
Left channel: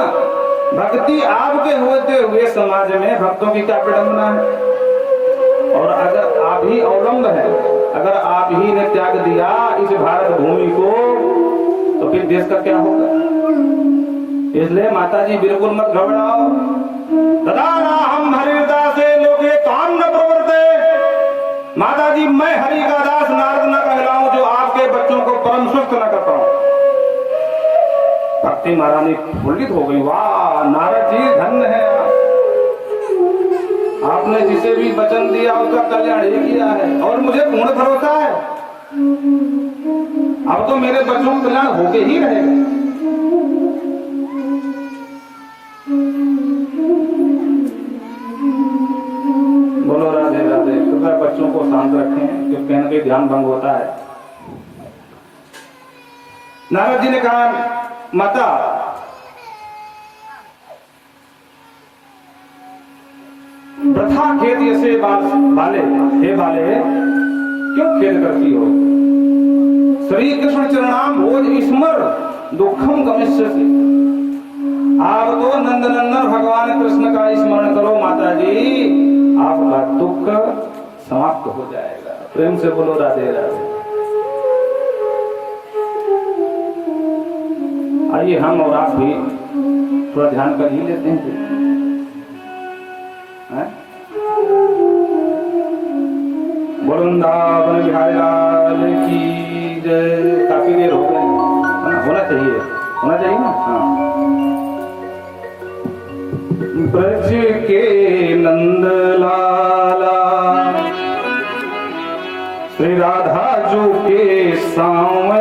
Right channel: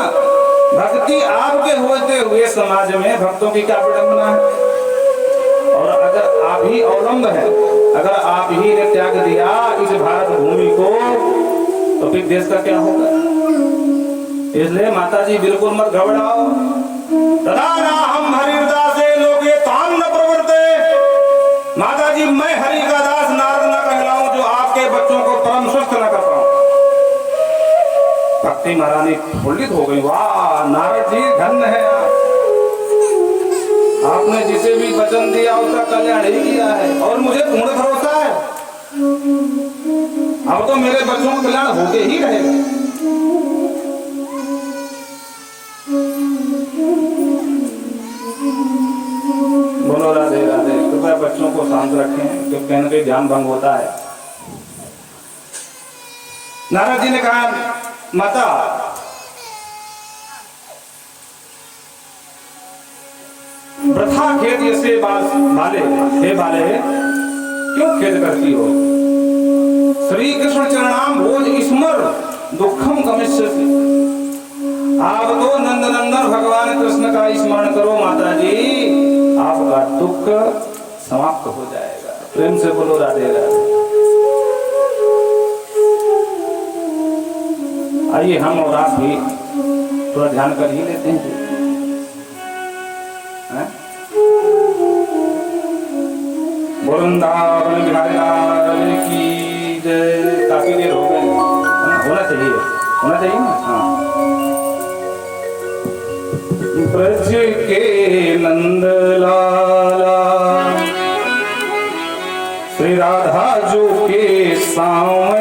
भक्ति आपके होते हुए समाज में भक्तों की क्या विडंबना है। और अगर आप ही अवलंब है, अगर आप ही ने त्याग दिया इस भारत भूमि को, तो फिर देश का क्या होगा। इसलिए माता जी बिल्कुल मत घबराओ। तदा हम हरिदासे लोगे ताम न प्रवर्ते। माता जी मैं हरि का दास नारद न कहलाऊं, जो आपके बच्चों को परम स्वस्थ न कर पाऊं। भक्ति महारानी फुल्लित हो गई, वाह नारद जी धन्य है आपने जिसे भी वचन दिया उसका कल्याण ही किया है, और मुझे पूर्ण भरोसा है अब तो मेरे बच्चों का कल्याण होके ही रहेगा। बोलो राधे राधे। कृपया बच्चों को शांत रखें, क्योंकि इनके ध्यान भंग होता है। नारद जी ने कहा, माता वृथा खेद से बाले, हे बाले क्यों खेद करती हो। श्री कृष्ण चरणाम भोज स्मर दुखम गमिष्यसि। आप तो नंदनंदन भगवान कृष्ण का स्मरण करो माता जी, आपका दुख समाप्त हो जाएगा। प्रेम से बोलो राधे राधे। आइए हम और आप भी थोड़ा ध्यान कर ही लेते हैं। वृंदावन बिहारी लाल की जय। काफी देर हो गए, होना चाहिए ना। हाँ। ब्रज के नंद लाला श्री राधा जो के सामने